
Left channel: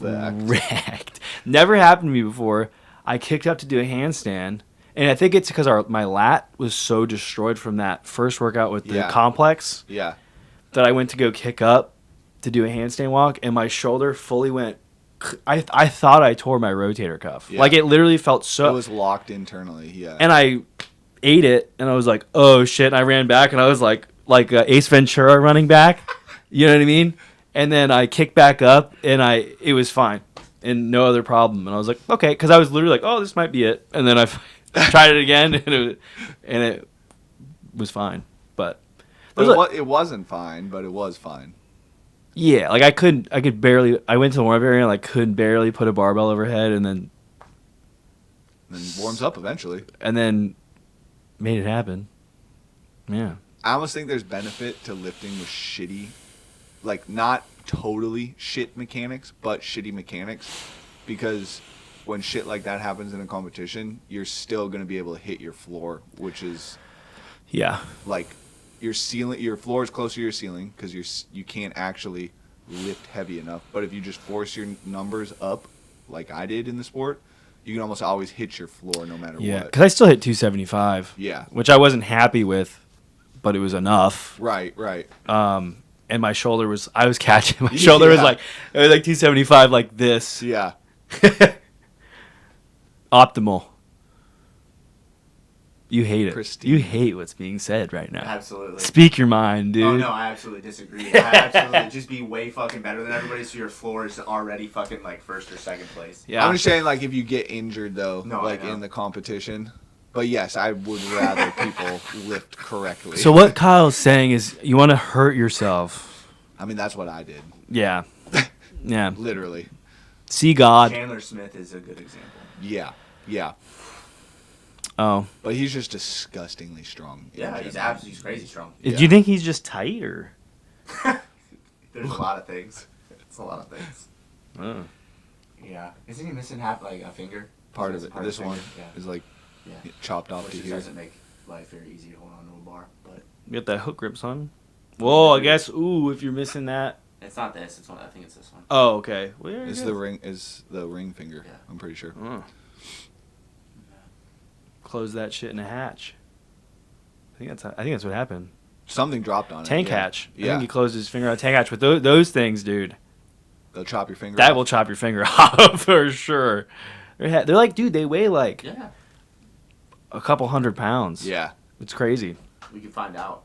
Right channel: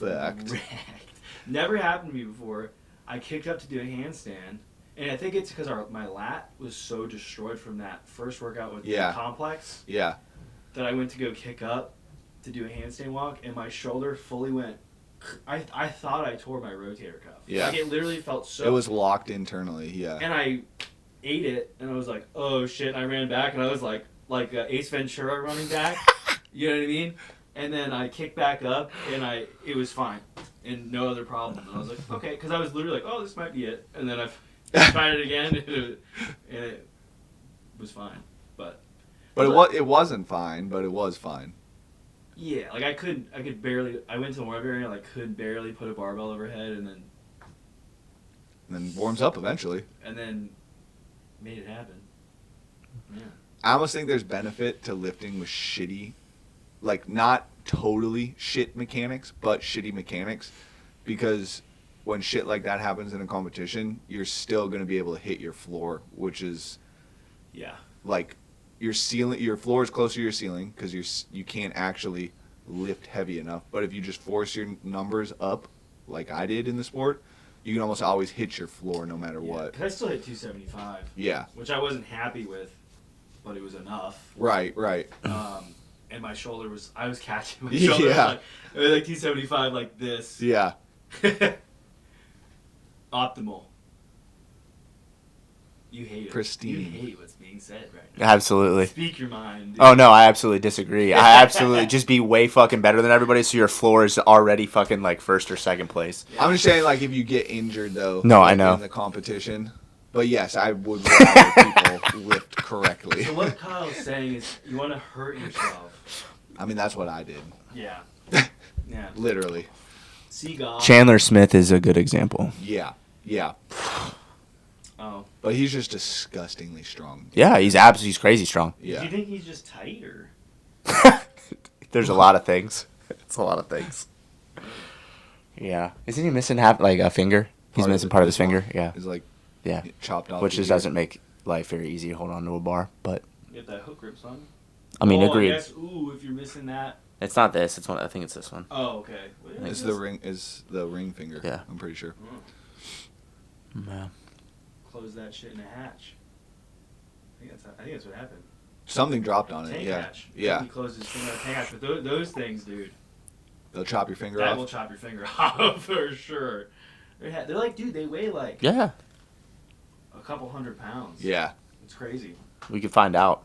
Fucked. wrecked. Never happened to me before. I kicked up to do a handstand, and I think it's because my lat was so destroyed from that first workout with the complex Yeah. that I went to go kick up to do a handstand walk, and my shoulder fully went. I thought I tore my rotator cuff. Yeah. Like it literally felt so. It was locked internally. Yeah. And I ate it, and I was like, "Oh shit!" And I ran back, and I was like Ace Ventura running back. You know what I mean? And then I kicked back up, and it was fine. and no other problem. And I was like, okay, because I was literally like, oh, this might be it. And then I tried it again, and it was fine. But it wasn't fine, but it was fine. Yeah, like I could barely. I went to the warm-up area and I could barely put a barbell overhead, and then warms up eventually. And then made it happen. Yeah. I almost think there's benefit to lifting with shitty, like not totally shit mechanics, but shitty mechanics, because when shit like that happens in a competition, you're still going to be able to hit your floor, which is, like your floor is closer to your ceiling because you can't actually lift heavy enough. But if you just force your numbers up, like I did in the sport, you can almost always hit your floor no matter what. Because I still hit 275. Yeah. Which I wasn't happy with, but it was enough. Right. And my shoulder was, I was catching, my shoulder was like 275 like this. Yeah. Optimal. You hate it. Pristine. You hate what's being said right now. Absolutely. Speak your mind, dude. Oh, no, I absolutely disagree. I absolutely just be way fucking better than everybody, so your floor is already fucking, like, first or second place. Yeah. I'm just saying, like, if you get injured, though, no, like, I know. in the competition. But, yes, I would rather people lift correctly. So what Kyle's saying is you want to hurt yourself. I mean, that's what I did. Yeah. Yeah. Literally. See God. Chandler Smith is a good example. Yeah. Oh. But he's just disgustingly strong. Yeah, he's crazy strong. Do you think he's just tight or? There's a lot of things. It's a lot of things. Oh. Yeah. Isn't he missing a finger? He's missing part of his finger. Yeah. Is like chopped off. Which just doesn't make life very easy to hold on to a bar, but You got that hook grip, son? I mean, I guess. Ooh, if you're missing that. it's not this. It's one. I think it's this one. Oh, okay. Well, yeah, Is the ring finger? Yeah. I'm pretty sure. Oh. Yeah. Close that shit in a hatch. I think that's what happened. Something dropped on Tank it. Yeah. hatch. I Yeah. think he closed his finger on a tank hatch with those things, dude. They'll chop your finger That off. will chop your finger off for sure. They're like, dude, they weigh like Yeah. a couple 100 pounds. Yeah. It's crazy. We could find out.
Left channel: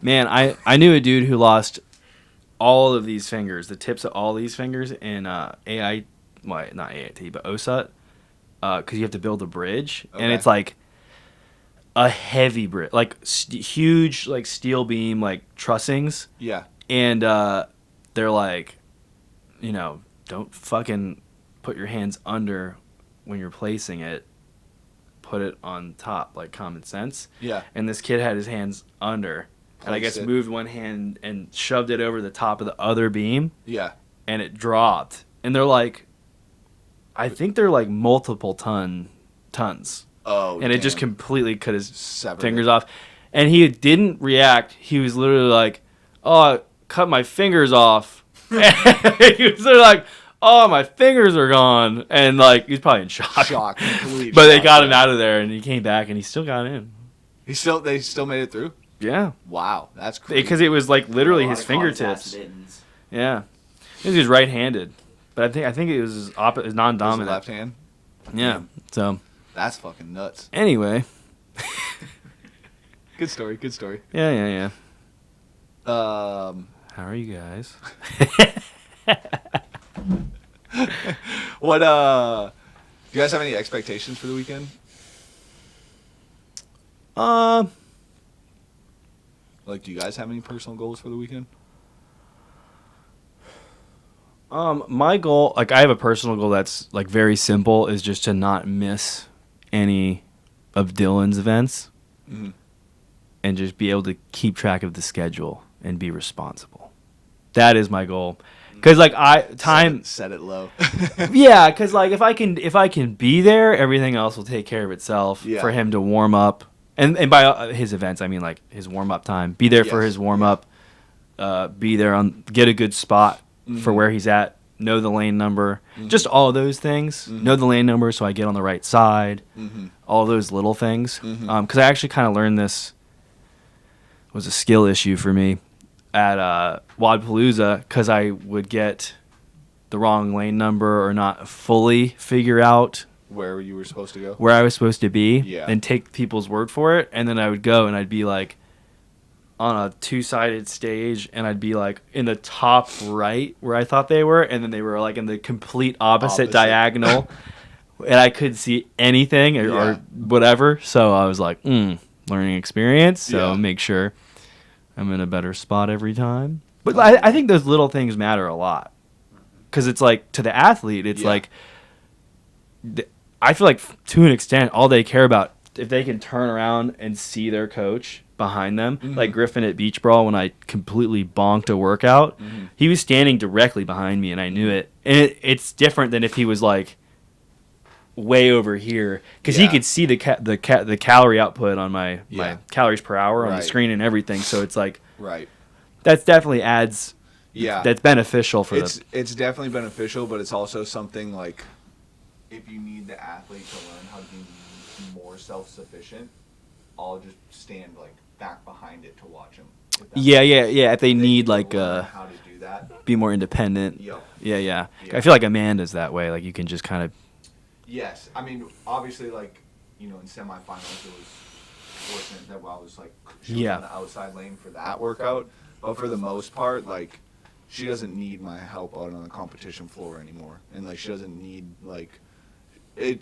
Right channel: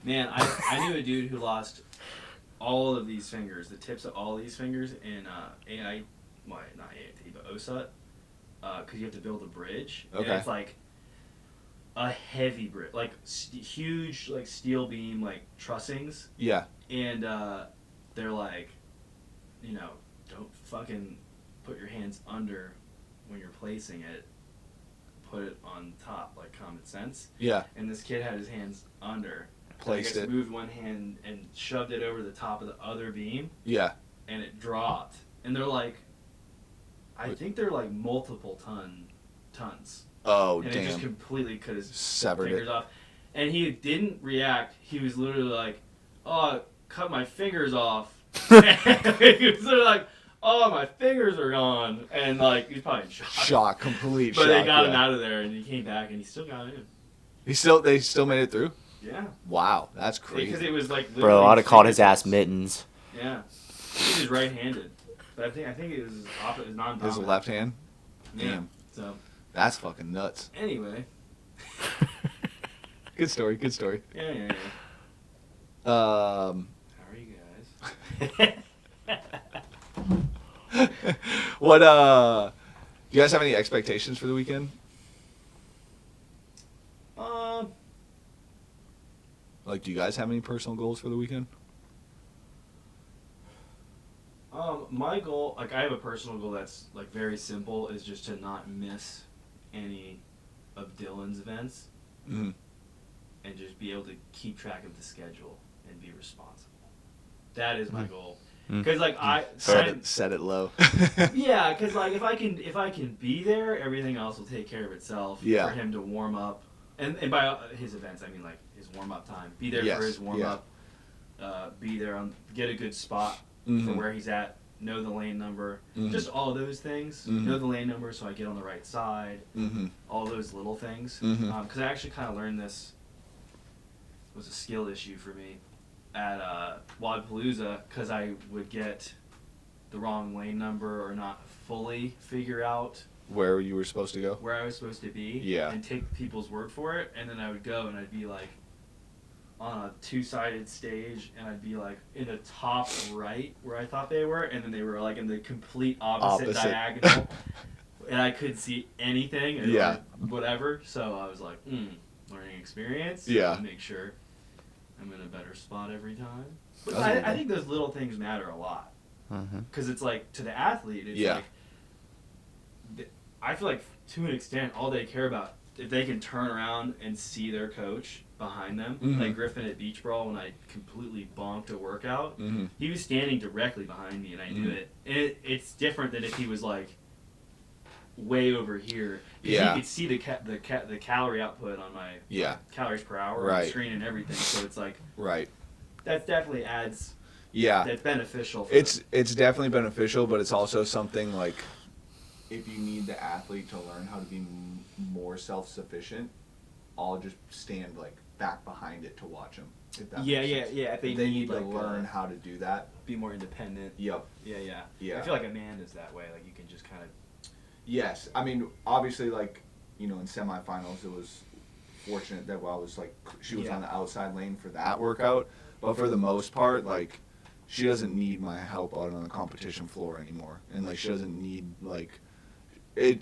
Man, I knew a dude who lost all of these fingers, the tips of all these fingers in not AIT, but OSUT, because you have to build a bridge, and Okay. it's like a heavy bridge, like huge, like steel beam, like trussings, Yeah. and they're like, don't fucking put your hands under when you're placing it. Put it on top, like common sense. Yeah. And this kid had his hands under. So I guess Placed it. moved one hand and shoved it over the top of the other beam, Yeah. and it dropped. And they're like, I think they're like multiple tons. Oh. And it just damn. completely cut his Severed fingers it. off. And he didn't react. He was literally like, oh, I cut my fingers off. He was literally like, oh, my fingers are gone. And like, he's probably in shock. Shock. Complete. But they shock, got him yeah. out of there, and he came back, and he still got in. They still made it through. Yeah. Wow, that's crazy. Because it was like literally Bro, his called his fingertips. ass mittens. Yeah. I think he was right-handed. But I think it was his His non-dominant. left hand. Yeah. Damn. So, That's fucking nuts. anyway. Good story. Good story. Yeah. Um. How are you guys? What? Do you guys have any expectations for the weekend? Like, do you guys have any personal goals for the weekend? My goal, like I have a personal goal that's like very simple, is just to not miss any of Dylan's events, Mm-hmm. and just be able to keep track of the schedule and be responsible. That is my goal. Because like Set it low. yeah, because like if I can be there, everything else will take care of itself. Yeah. For him to warm up, and by his events I mean like his warm up time. Be there for Yes, his warm up. Be there get a good spot for Mhm. where he's at. Know the lane number. Mhm. Just all of those things. Mhm. Know the lane number so I get on the right side. Mm-hmm. All those little things. Mhm. Because I actually kind of learned this was a skill issue for me at Wadpalooza, because I would get the wrong lane number or not fully figure out Where you were supposed to go? where I was supposed to be, Yeah. and take people's word for it, and then I would go and I'd be like, on a 2-sided stage, and I'd be like in the top right where I thought they were, and then they were like in the complete opposite. Diagonal, and I couldn't see anything or whatever. So I was like, learning experience. So make sure I'm in a better spot every time. But I think those little things matter a lot, because it's like, to the athlete, it's like, I feel like to an extent all they care about, if they can turn around and see their coach behind them, like Griffin at Beach Brawl, when I completely bonked a workout, he was standing directly behind me and I knew it. And it's different than if he was like way over here, because he could see the calorie output on my calories per hour on the screen and everything. So it's like, that definitely adds. That's beneficial for it's definitely beneficial, but it's also something like, if you need the athlete to learn how to be more self-sufficient, I'll just stand like back behind it to watch them. If they need like how to do that, be more independent. Yeah. I feel like Amanda's that way. Like, you can just kind of. Yes, I mean, obviously, like, in semifinals, it was fortunate that I was like, she was on the outside lane for that workout. But for the most part, like, she doesn't need my help out on the competition floor anymore, and like, she doesn't need like it.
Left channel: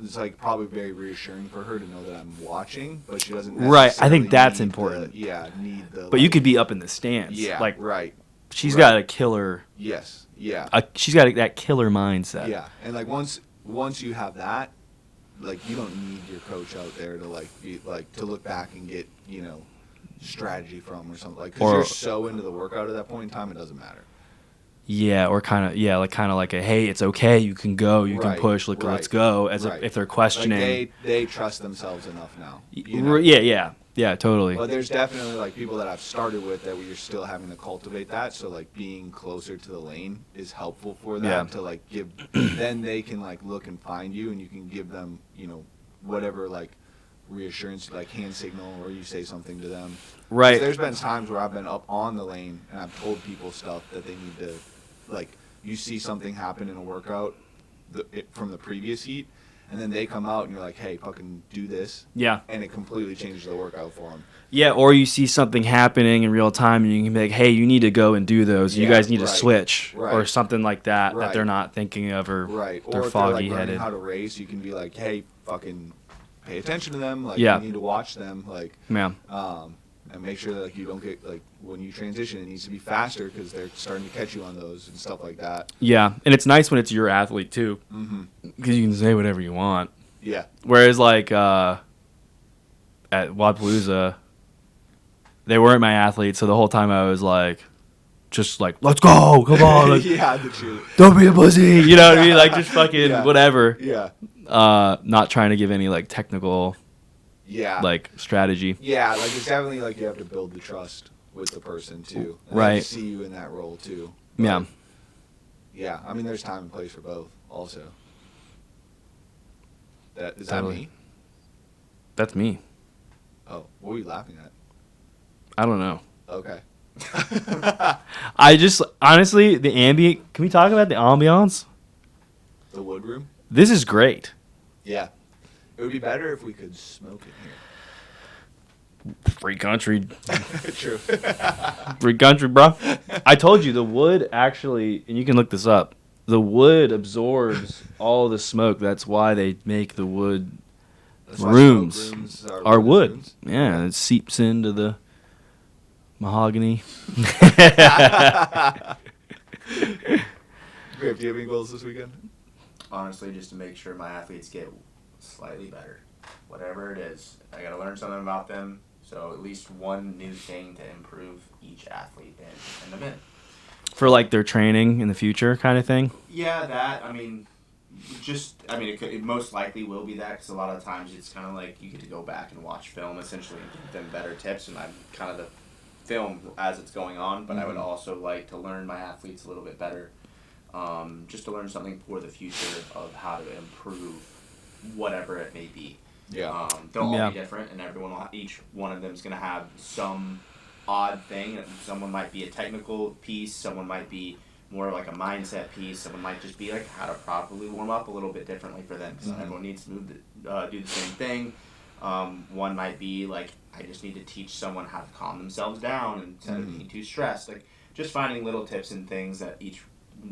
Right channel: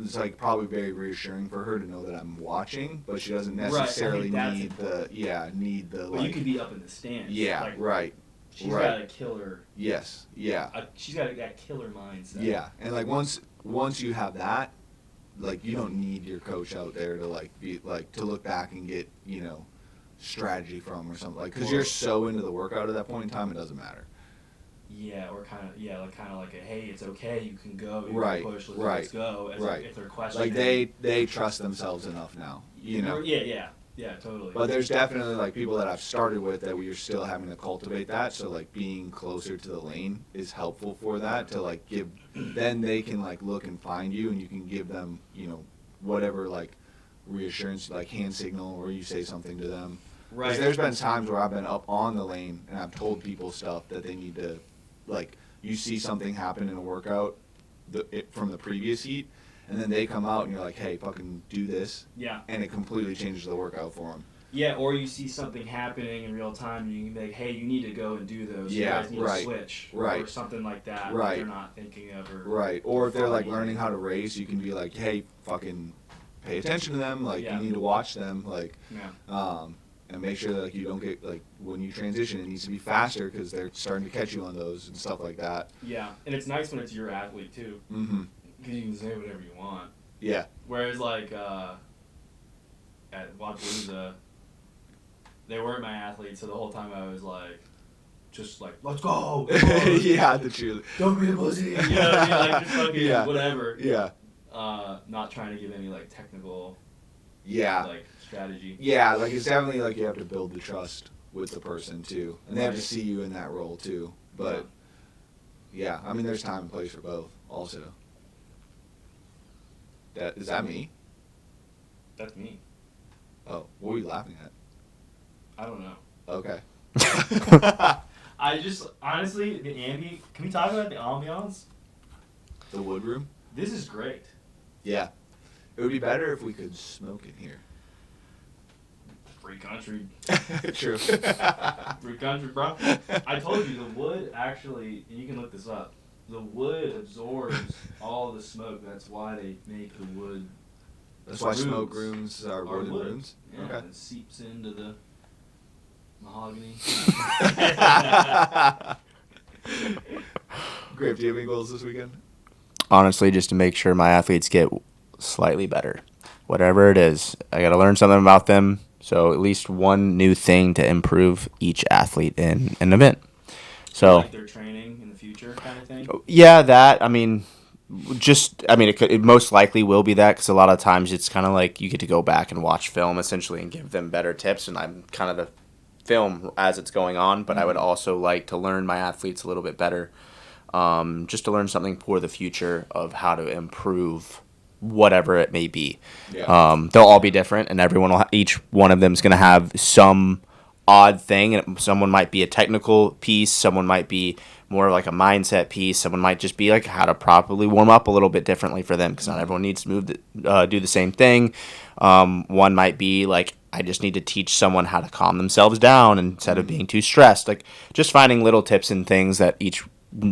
It's like probably very reassuring for her to know that I'm watching, but she doesn't necessarily. Right, I think that's important. Need the. But you could be up in the stands. Yeah, like, right. She's got a killer. Yes. Yeah. She's got that killer mindset. Yeah, and like once you have that, like, you don't need your coach out there to like be like to look back and get strategy from or something, like, because you're so into the workout at that point in time, it doesn't matter. Yeah, or kind of like a, hey, it's okay, you can go, you can push, let's go, as if they're questioning. Like, they trust themselves enough now. Yeah, totally. But there's definitely like people that I've started with that we're still having to cultivate that. So like being closer to the lane is helpful for that to like give. Then they can like look and find you, and you can give them whatever like reassurance, like hand signal, or you say something to them. Right. There's been times where I've been up on the lane and I've told people stuff that they need to, like, you see something happen in a workout from the previous heat, and then they come out and you're like, hey, fucking do this. Yeah. And it completely changes the workout for them. Yeah, or you see something happening in real time and you can be like, hey, you need to go and do those. You guys need to switch. Or something like that that they're not thinking of. Or or if they're like learning how to race, you can be like, hey, fucking pay attention to them. Like, you need to watch them. Like, and make sure that like you don't get like when you transition, it needs to be faster because they're starting to catch you on those and stuff like that. Yeah, and it's nice when it's your athlete too, because you can say whatever you want. Yeah. Whereas like at Wadapalooza, they weren't my athletes, so the whole time I was like, just like, let's go, come on. Yeah, the cheerleader. Don't be a pussy. You know what I mean? Like, just fucking whatever. Yeah. Not trying to give any like technical. Like strategy. Yeah, like it's definitely like you have to build the trust with the person too. And they have to see you in that role too. But, yeah, I mean there's time and place for both also. Is that me? That's me. Oh, what were you laughing at? I don't know. Okay. I just honestly can we talk about the ambiance? The wood room? This is great. Yeah. It would be better if we could smoke in here. Free country. True. Free country, bro. I told you the wood actually, and you can look this up, the wood absorbs all the smoke. That's why they make the wood rooms. Why smoke rooms are wood. Rooms? Yeah, okay. It seeps into the mahogany. Griff, do you have any goals this weekend? Honestly, just to make sure my athletes get slightly better. Whatever it is, I got to learn something about them. So at least one new thing to improve each athlete in an event. So like their training in the future kind of thing? Yeah, that. I mean, it most likely will be that, because a lot of times it's kind of like you get to go back and watch film essentially and give them better tips, and I'm kind of the film as it's going on, but I would also like to learn my athletes a little bit better, just to learn something for the future of how to improve whatever it may be. They'll all be different, and each one of them is going to have some odd thing, and someone might be a technical piece, someone might be more like a mindset piece, someone might just be like how to properly warm up a little bit differently for them, because not everyone needs to do the same thing. One might be like, I just need to teach someone how to calm themselves down instead of being too stressed. Like, just finding little tips and things that each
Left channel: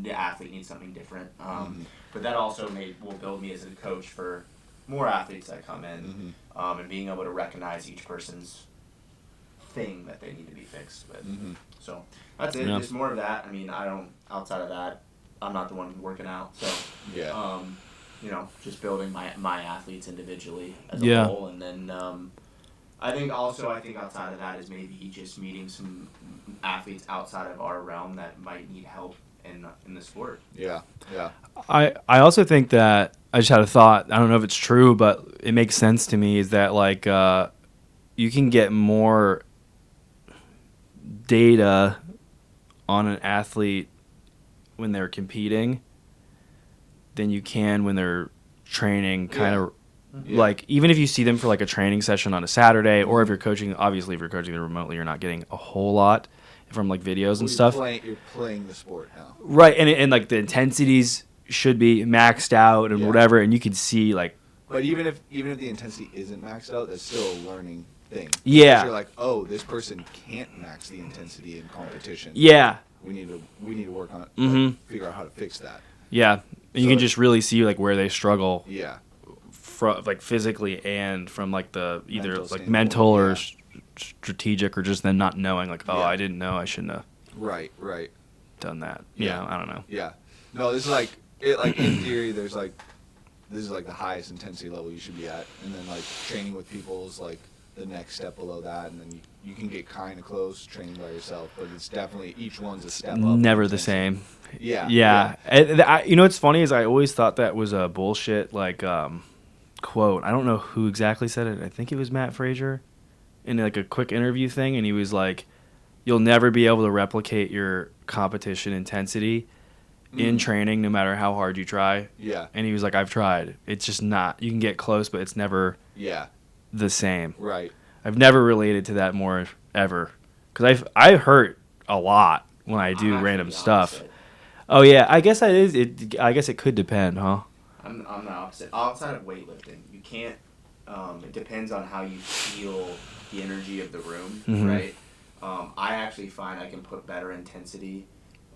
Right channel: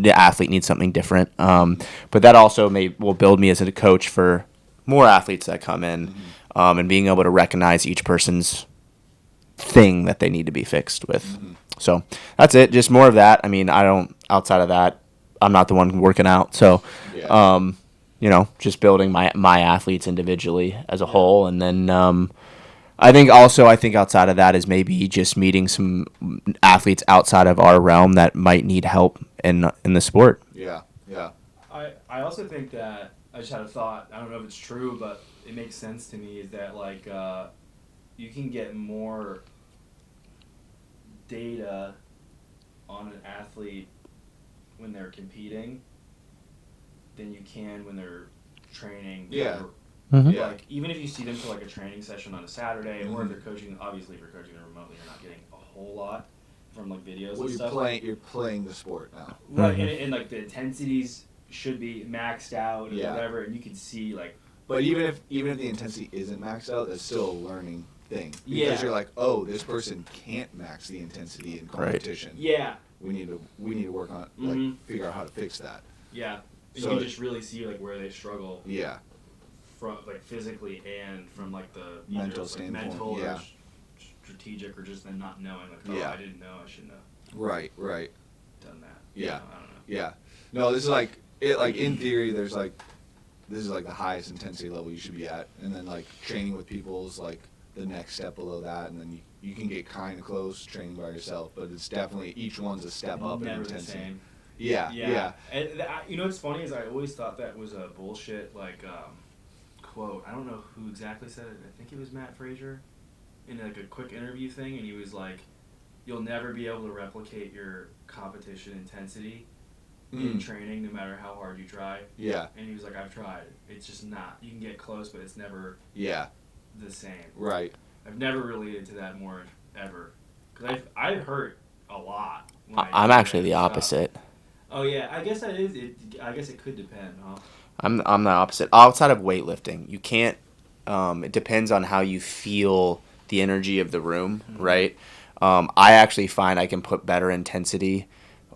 athlete needs something different. But that also will build me as a coach for more athletes that come in, and being able to recognize each person's thing that they need to be fixed with. So that's it. Just more of that. I mean, outside of that, I'm not the one working out. So, just building my athletes individually as a whole. And then, I think outside of that is maybe just meeting some athletes outside of our realm that might need help in the sport. Yeah. I also think that, I just had a thought, I don't know if it's true, but it makes sense to me, is that like you can get more data on an athlete when they're competing than you can when they're training like, even if you see them for like a training session on a Saturday, or if you're coaching, obviously if you're coaching them remotely, you're not getting a whole lot from like videos and stuff. You're playing the sport now. Right, and like the intensities should be maxed out and whatever, and you can see like. But even if the intensity isn't maxed out, that's still a learning thing. Yeah. Because you're like, oh, this person can't max the intensity in competition. Right. Yeah. We need to work on it, like, figure out how to fix that. Yeah. And you can just really see like where they struggle. Yeah. From like physically and from like the either Mental like standpoint, mental or strategic, or just them not knowing like, I didn't know, I shouldn't have Right. done that. Yeah. I don't know. Yeah. No, this is like it. Like in theory, this is like the highest intensity level you should be at, and then like training with people is like the next step below that, and then you can get kind of close training by yourself, but it's definitely each one's a step up. Never the same. Yeah. You know what's funny is I always thought that was a bullshit like quote. I don't know who exactly said it. I think it was Matt Frazier in like a quick interview thing, and he was like, "You'll never be able to replicate your competition intensity in training, no matter how hard you try." Yeah. And he was like, "I've tried. It's just not. You can get close, but it's never the same." Right. I've never related to that more ever, because I hurt a lot when I do I'm random actually the stuff. opposite. Oh yeah, I guess that is it. I guess it could depend, huh? I'm the opposite. Outside of weightlifting, you can't. It depends on how you feel the energy of the room, right? I actually find I can put better intensity.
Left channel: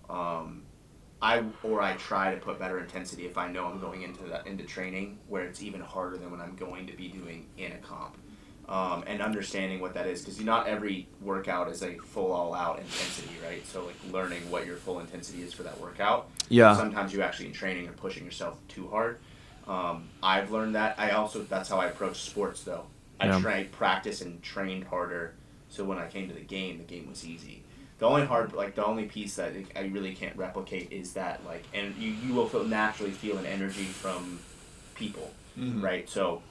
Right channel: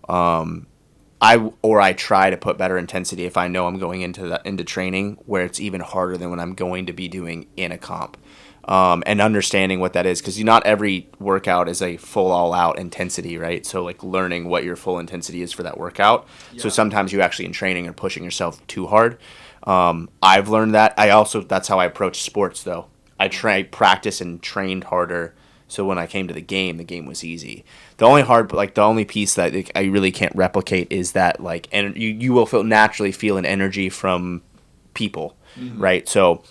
I try to put better intensity if I know I'm going into training where it's even harder than what I'm going to be doing in a comp. And understanding what that is, because not every workout is a full all-out intensity, right? So like learning what your full intensity is for that workout. Yeah. So sometimes you actually in training are pushing yourself too hard. I've learned that. That's how I approach sports though. I practice and trained harder, so when I came to the game was easy. The only piece that I really can't replicate is that like, and you will naturally feel an energy from people, right? So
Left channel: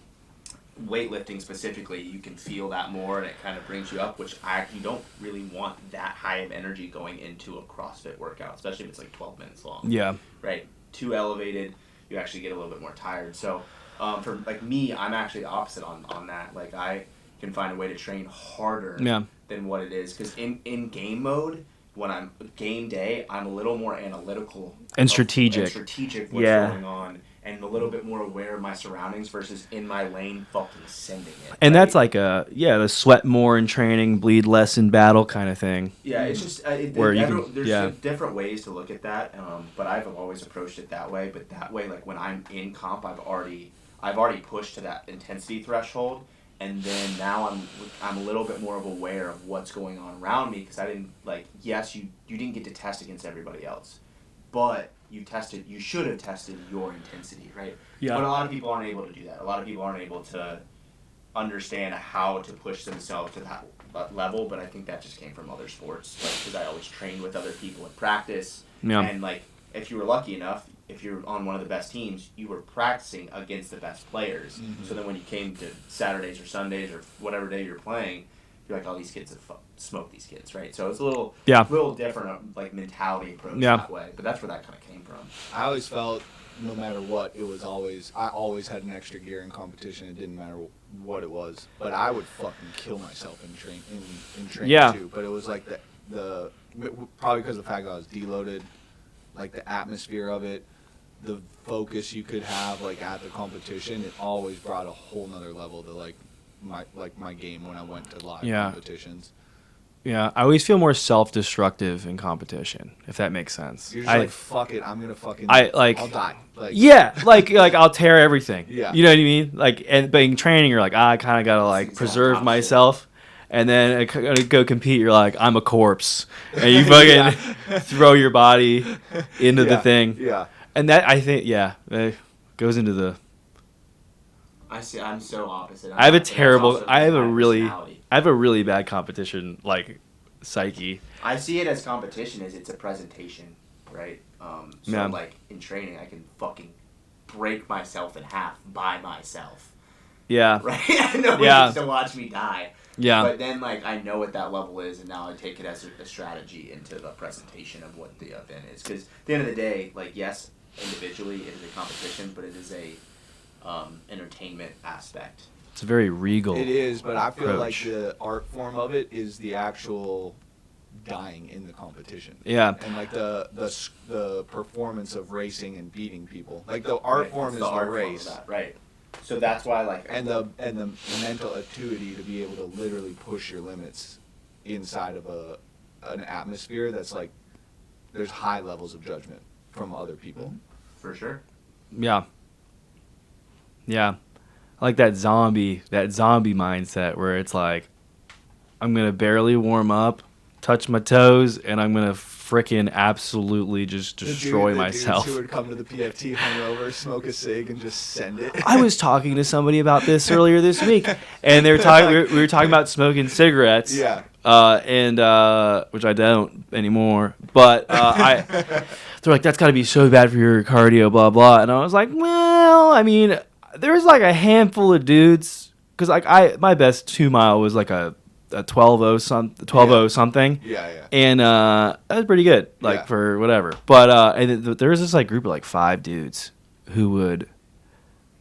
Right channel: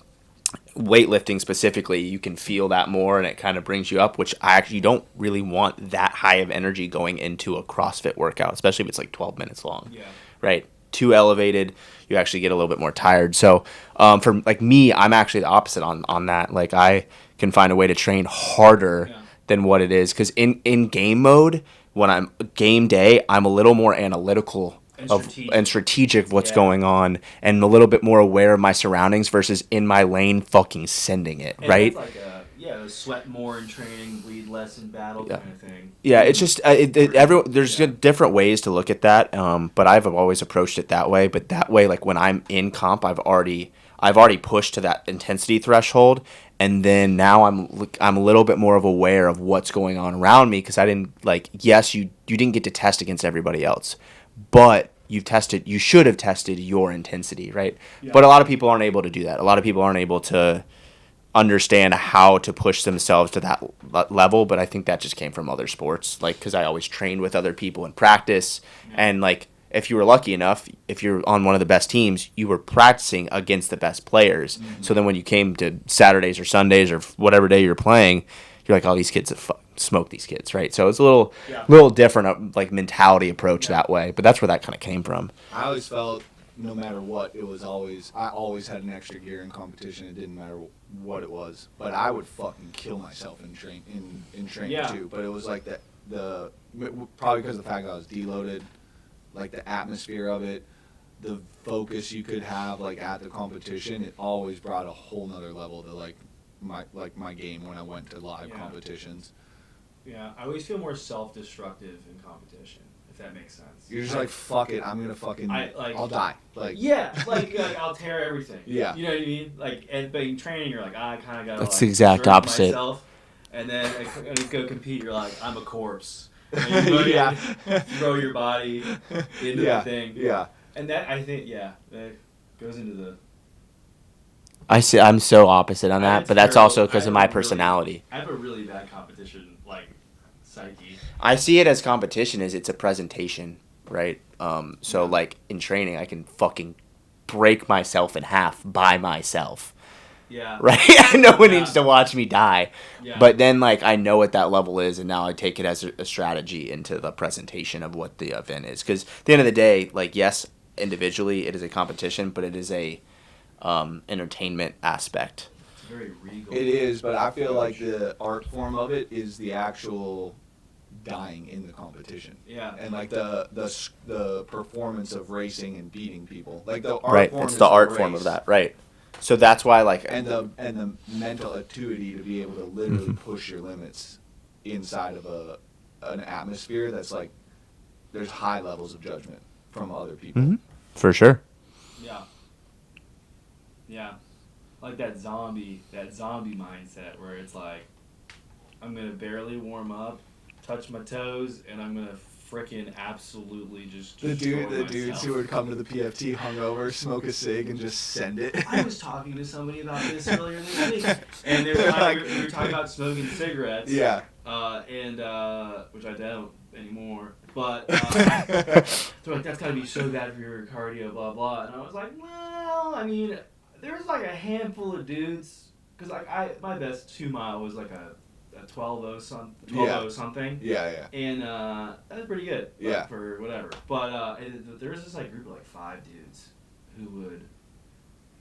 weightlifting specifically, you can feel that more, and it kind of brings you up, which I actually don't really want that high of energy going into a CrossFit workout, especially if it's like 12 minutes long. Yeah. Right. Too elevated, you actually get a little bit more tired. So for like me, I'm actually the opposite on that. Like I can find a way to train harder than what it is, because in game mode, when I'm game day, I'm a little more analytical and strategic of what's going on, and a little bit more aware of my surroundings versus in my lane fucking sending it. And right? that's like the sweat more in training, bleed less in battle kind of thing. Yeah, it's just there's different ways to look at that, but I've always approached it that way. But that way, like when I'm in comp, I've already pushed to that intensity threshold, and then now I'm a little bit more of aware of what's going on around me, because I didn't you didn't get to test against everybody else, but you should have tested your intensity, right? Yeah. But a lot of people aren't able to do that. A lot of people aren't able to understand how to push themselves to that level, but I think that just came from other sports, like because I always trained with other people in practice, and like if you were lucky enough, if you're on one of the best teams, you were practicing against the best players. So then when you came to Saturdays or Sundays or whatever day you're playing, you're like, oh, these kids smoke these kids, right? So it's a little different like mentality approach that way, but that's where that kind of came from. I always felt no matter what, I always had an extra gear in competition. It didn't matter what it was, but I would fucking kill myself in training too. But it was like the probably because of the fact that I was deloaded, like the atmosphere of it, the focus you could have like at the competition, it always brought a whole nother level to like my game when I went to live Yeah. competitions. Yeah, I always feel more self-destructive in competition, if that makes sense. You're just like, fuck it, I'm gonna fucking. I'll die. Like, Yeah, like I'll tear everything. Yeah. You know what I mean? Like, but in training, you're like, I kind of gotta That's the like exact preserve opposite. myself, and then I gotta go compete. You're like, I'm a corpse, and you fucking throw your body into the thing. Yeah. And that I think, it goes into the. I'm so opposite on that, but that's also because of my personality. I have a really bad competition like psyche. I see it as competition as it's a presentation, right? So Yeah. like in training, I can fucking break myself in half by myself. Yeah. Right? No one Yeah. needs to watch me die. Yeah. But then like I know what that level is, and now I take it as a strategy into the presentation of what the event is. Because at the end of the day, like yes, individually it is a competition, but it is a entertainment aspect. It's very regal. It is, but I feel like approach. the art form of it is the actual dying in the competition. Yeah. And like the performance of racing and beating people. Like the art Right, form it's is the art race. form of that, right? So that's why like And the mental acuity to be able to literally push your limits inside of an atmosphere that's like there's high levels of judgment from other people. Mhm. For sure. Yeah. Yeah. I like that zombie mindset where it's like, I'm going to barely warm up, touch my toes, and I'm going to frickin' absolutely just destroy the myself. dudes who would come to the PFT hungover, smoke a cig, and just send it. I was talking to somebody about this earlier this week, and they were talking. We were talking about smoking cigarettes. Yeah. And which I don't anymore. But they're like, that's got to be so bad for your cardio, blah blah. And I was like, well, I mean, there's like a handful of dudes, because like my best 2 mile was like a 12:0 something. Yeah. And that was pretty good, like Yeah. for whatever. But there was this like group of like 5 dudes who would,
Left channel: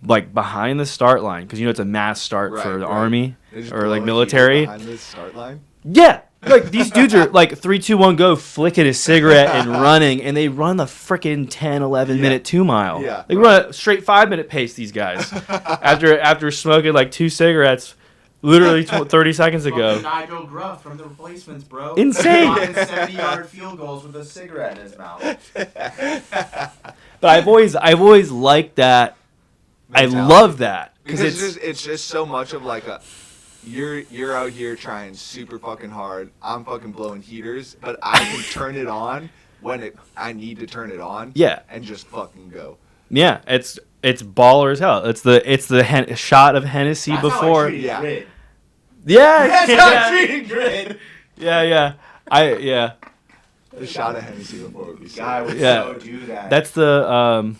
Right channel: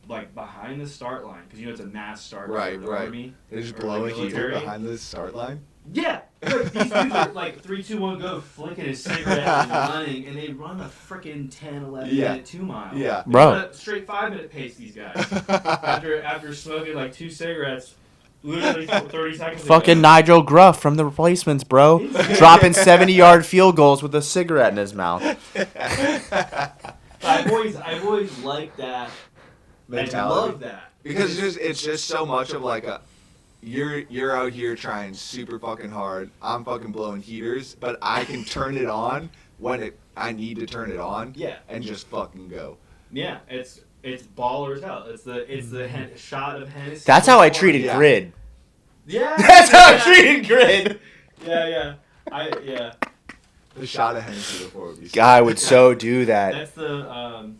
like behind the start line, because it's a mass start for the army They just or blow like a military. heater behind the start line. Yeah, like these dudes are like 3, 2, 1, go, flicking a cigarette and running, and they run the freaking 10, 11 minute 2 mile. Yeah. They run a straight 5-minute pace. These guys after smoking like 2 cigarettes. Literally 30 seconds ago. Fucking Nigel Gruff from the Replacements, bro. Insane. Dropping 70-yard field goals with a cigarette in his mouth. But I've always liked that. Mentality. I love that. Because it's just so much of like you're out here trying super fucking hard. I'm fucking blowing heaters, but I can turn it on when I need to turn it on. Yeah. And just fucking go. Yeah, it's baller as hell. It's the shot of Hennessy. That's how I before. treated Grid. Yeah, That's how I treated Grid. Yeah. The shot of Hennessy before would be sick. Guy would Yeah. so do that. That's the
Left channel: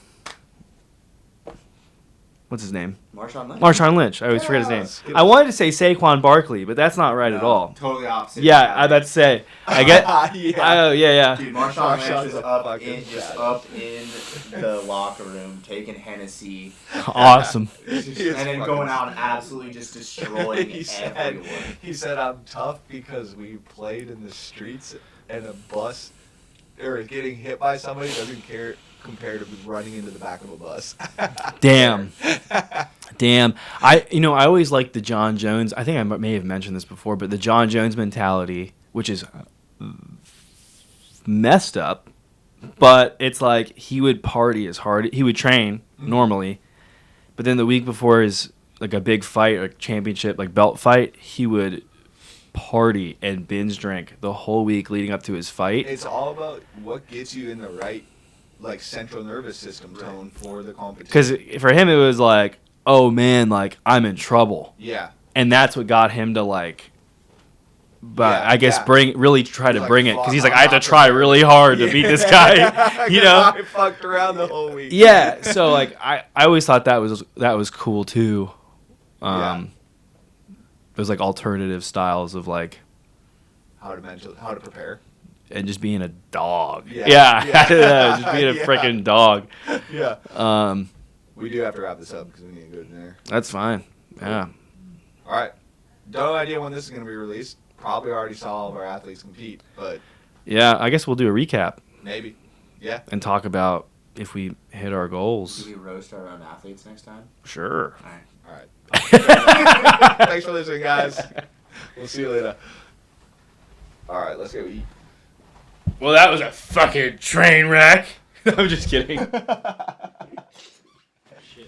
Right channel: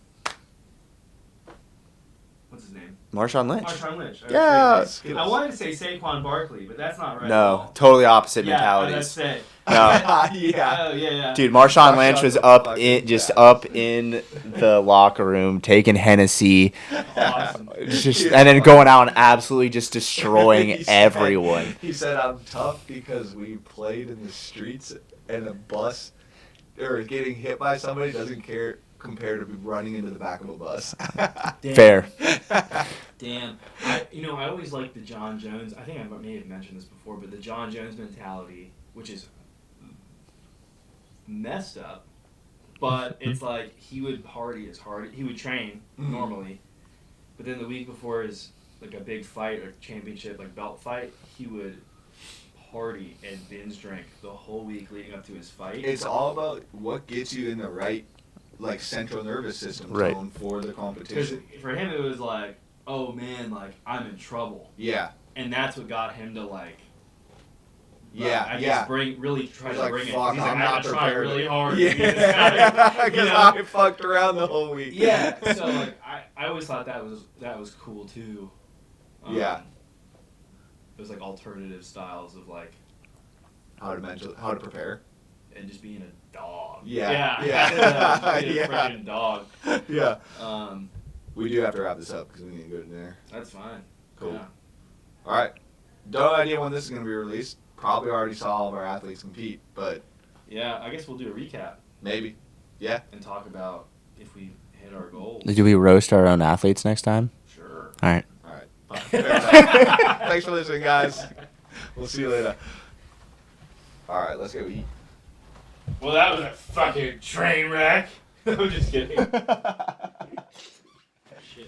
what's his name? Marshawn Lynch. Marshawn Lynch. I always forget his name. Skittles. I wanted to say Saquon Barkley, but that's not right at all. Totally opposite. Yeah, mentality. I'd say. I get. Yeah. Oh yeah. Dude, Marshawn Lynch Marshawn's was a up fucking up in the locker room taking Hennessy, Awesome. and then going out and absolutely just destroying He said- everyone. He said, I'm tough because we played in the streets and a bus or getting hit by somebody doesn't care compared to running into the back of a bus. Damn. Damn. I always liked the John Jones. I think I may have mentioned this before, but the John Jones mentality, which is messed up, but it's like he would party as hard. He would train normally, but then the week before his like a big fight, like championship, like belt fight, he would party and binge drink the whole week leading up to his fight. It's all about what gets you in the right like central nervous system Right. tone for the competition. Because for him it was like, oh man, like I'm in trouble. Yeah. And that's what got him to like, but Yeah, I guess yeah. try to He's like, bring it, because "Fuck, he's like, I'm I have not to try prepared." really hard to beat this guy, you know? I fucked around the whole week. Yeah, so like I always thought that was cool too. Yeah. It was like alternative styles of like, How to prepare. and just being a dog. Yeah, yeah, yeah. just being a Yeah. freaking dog. Yeah. We do have to wrap this up because we need to go to dinner. That's fine. Yeah. All right. No idea when this is going to be released. Probably already saw all of our athletes compete, but Yeah, I guess we'll do a recap maybe. Yeah. and talk about if we hit our goals. Do we roast our own athletes next time? Sure. All right. All right. Bye. Thanks for listening, guys. We'll see you later. All right, let's go eat. Well, that was a fucking train wreck. I'm just kidding.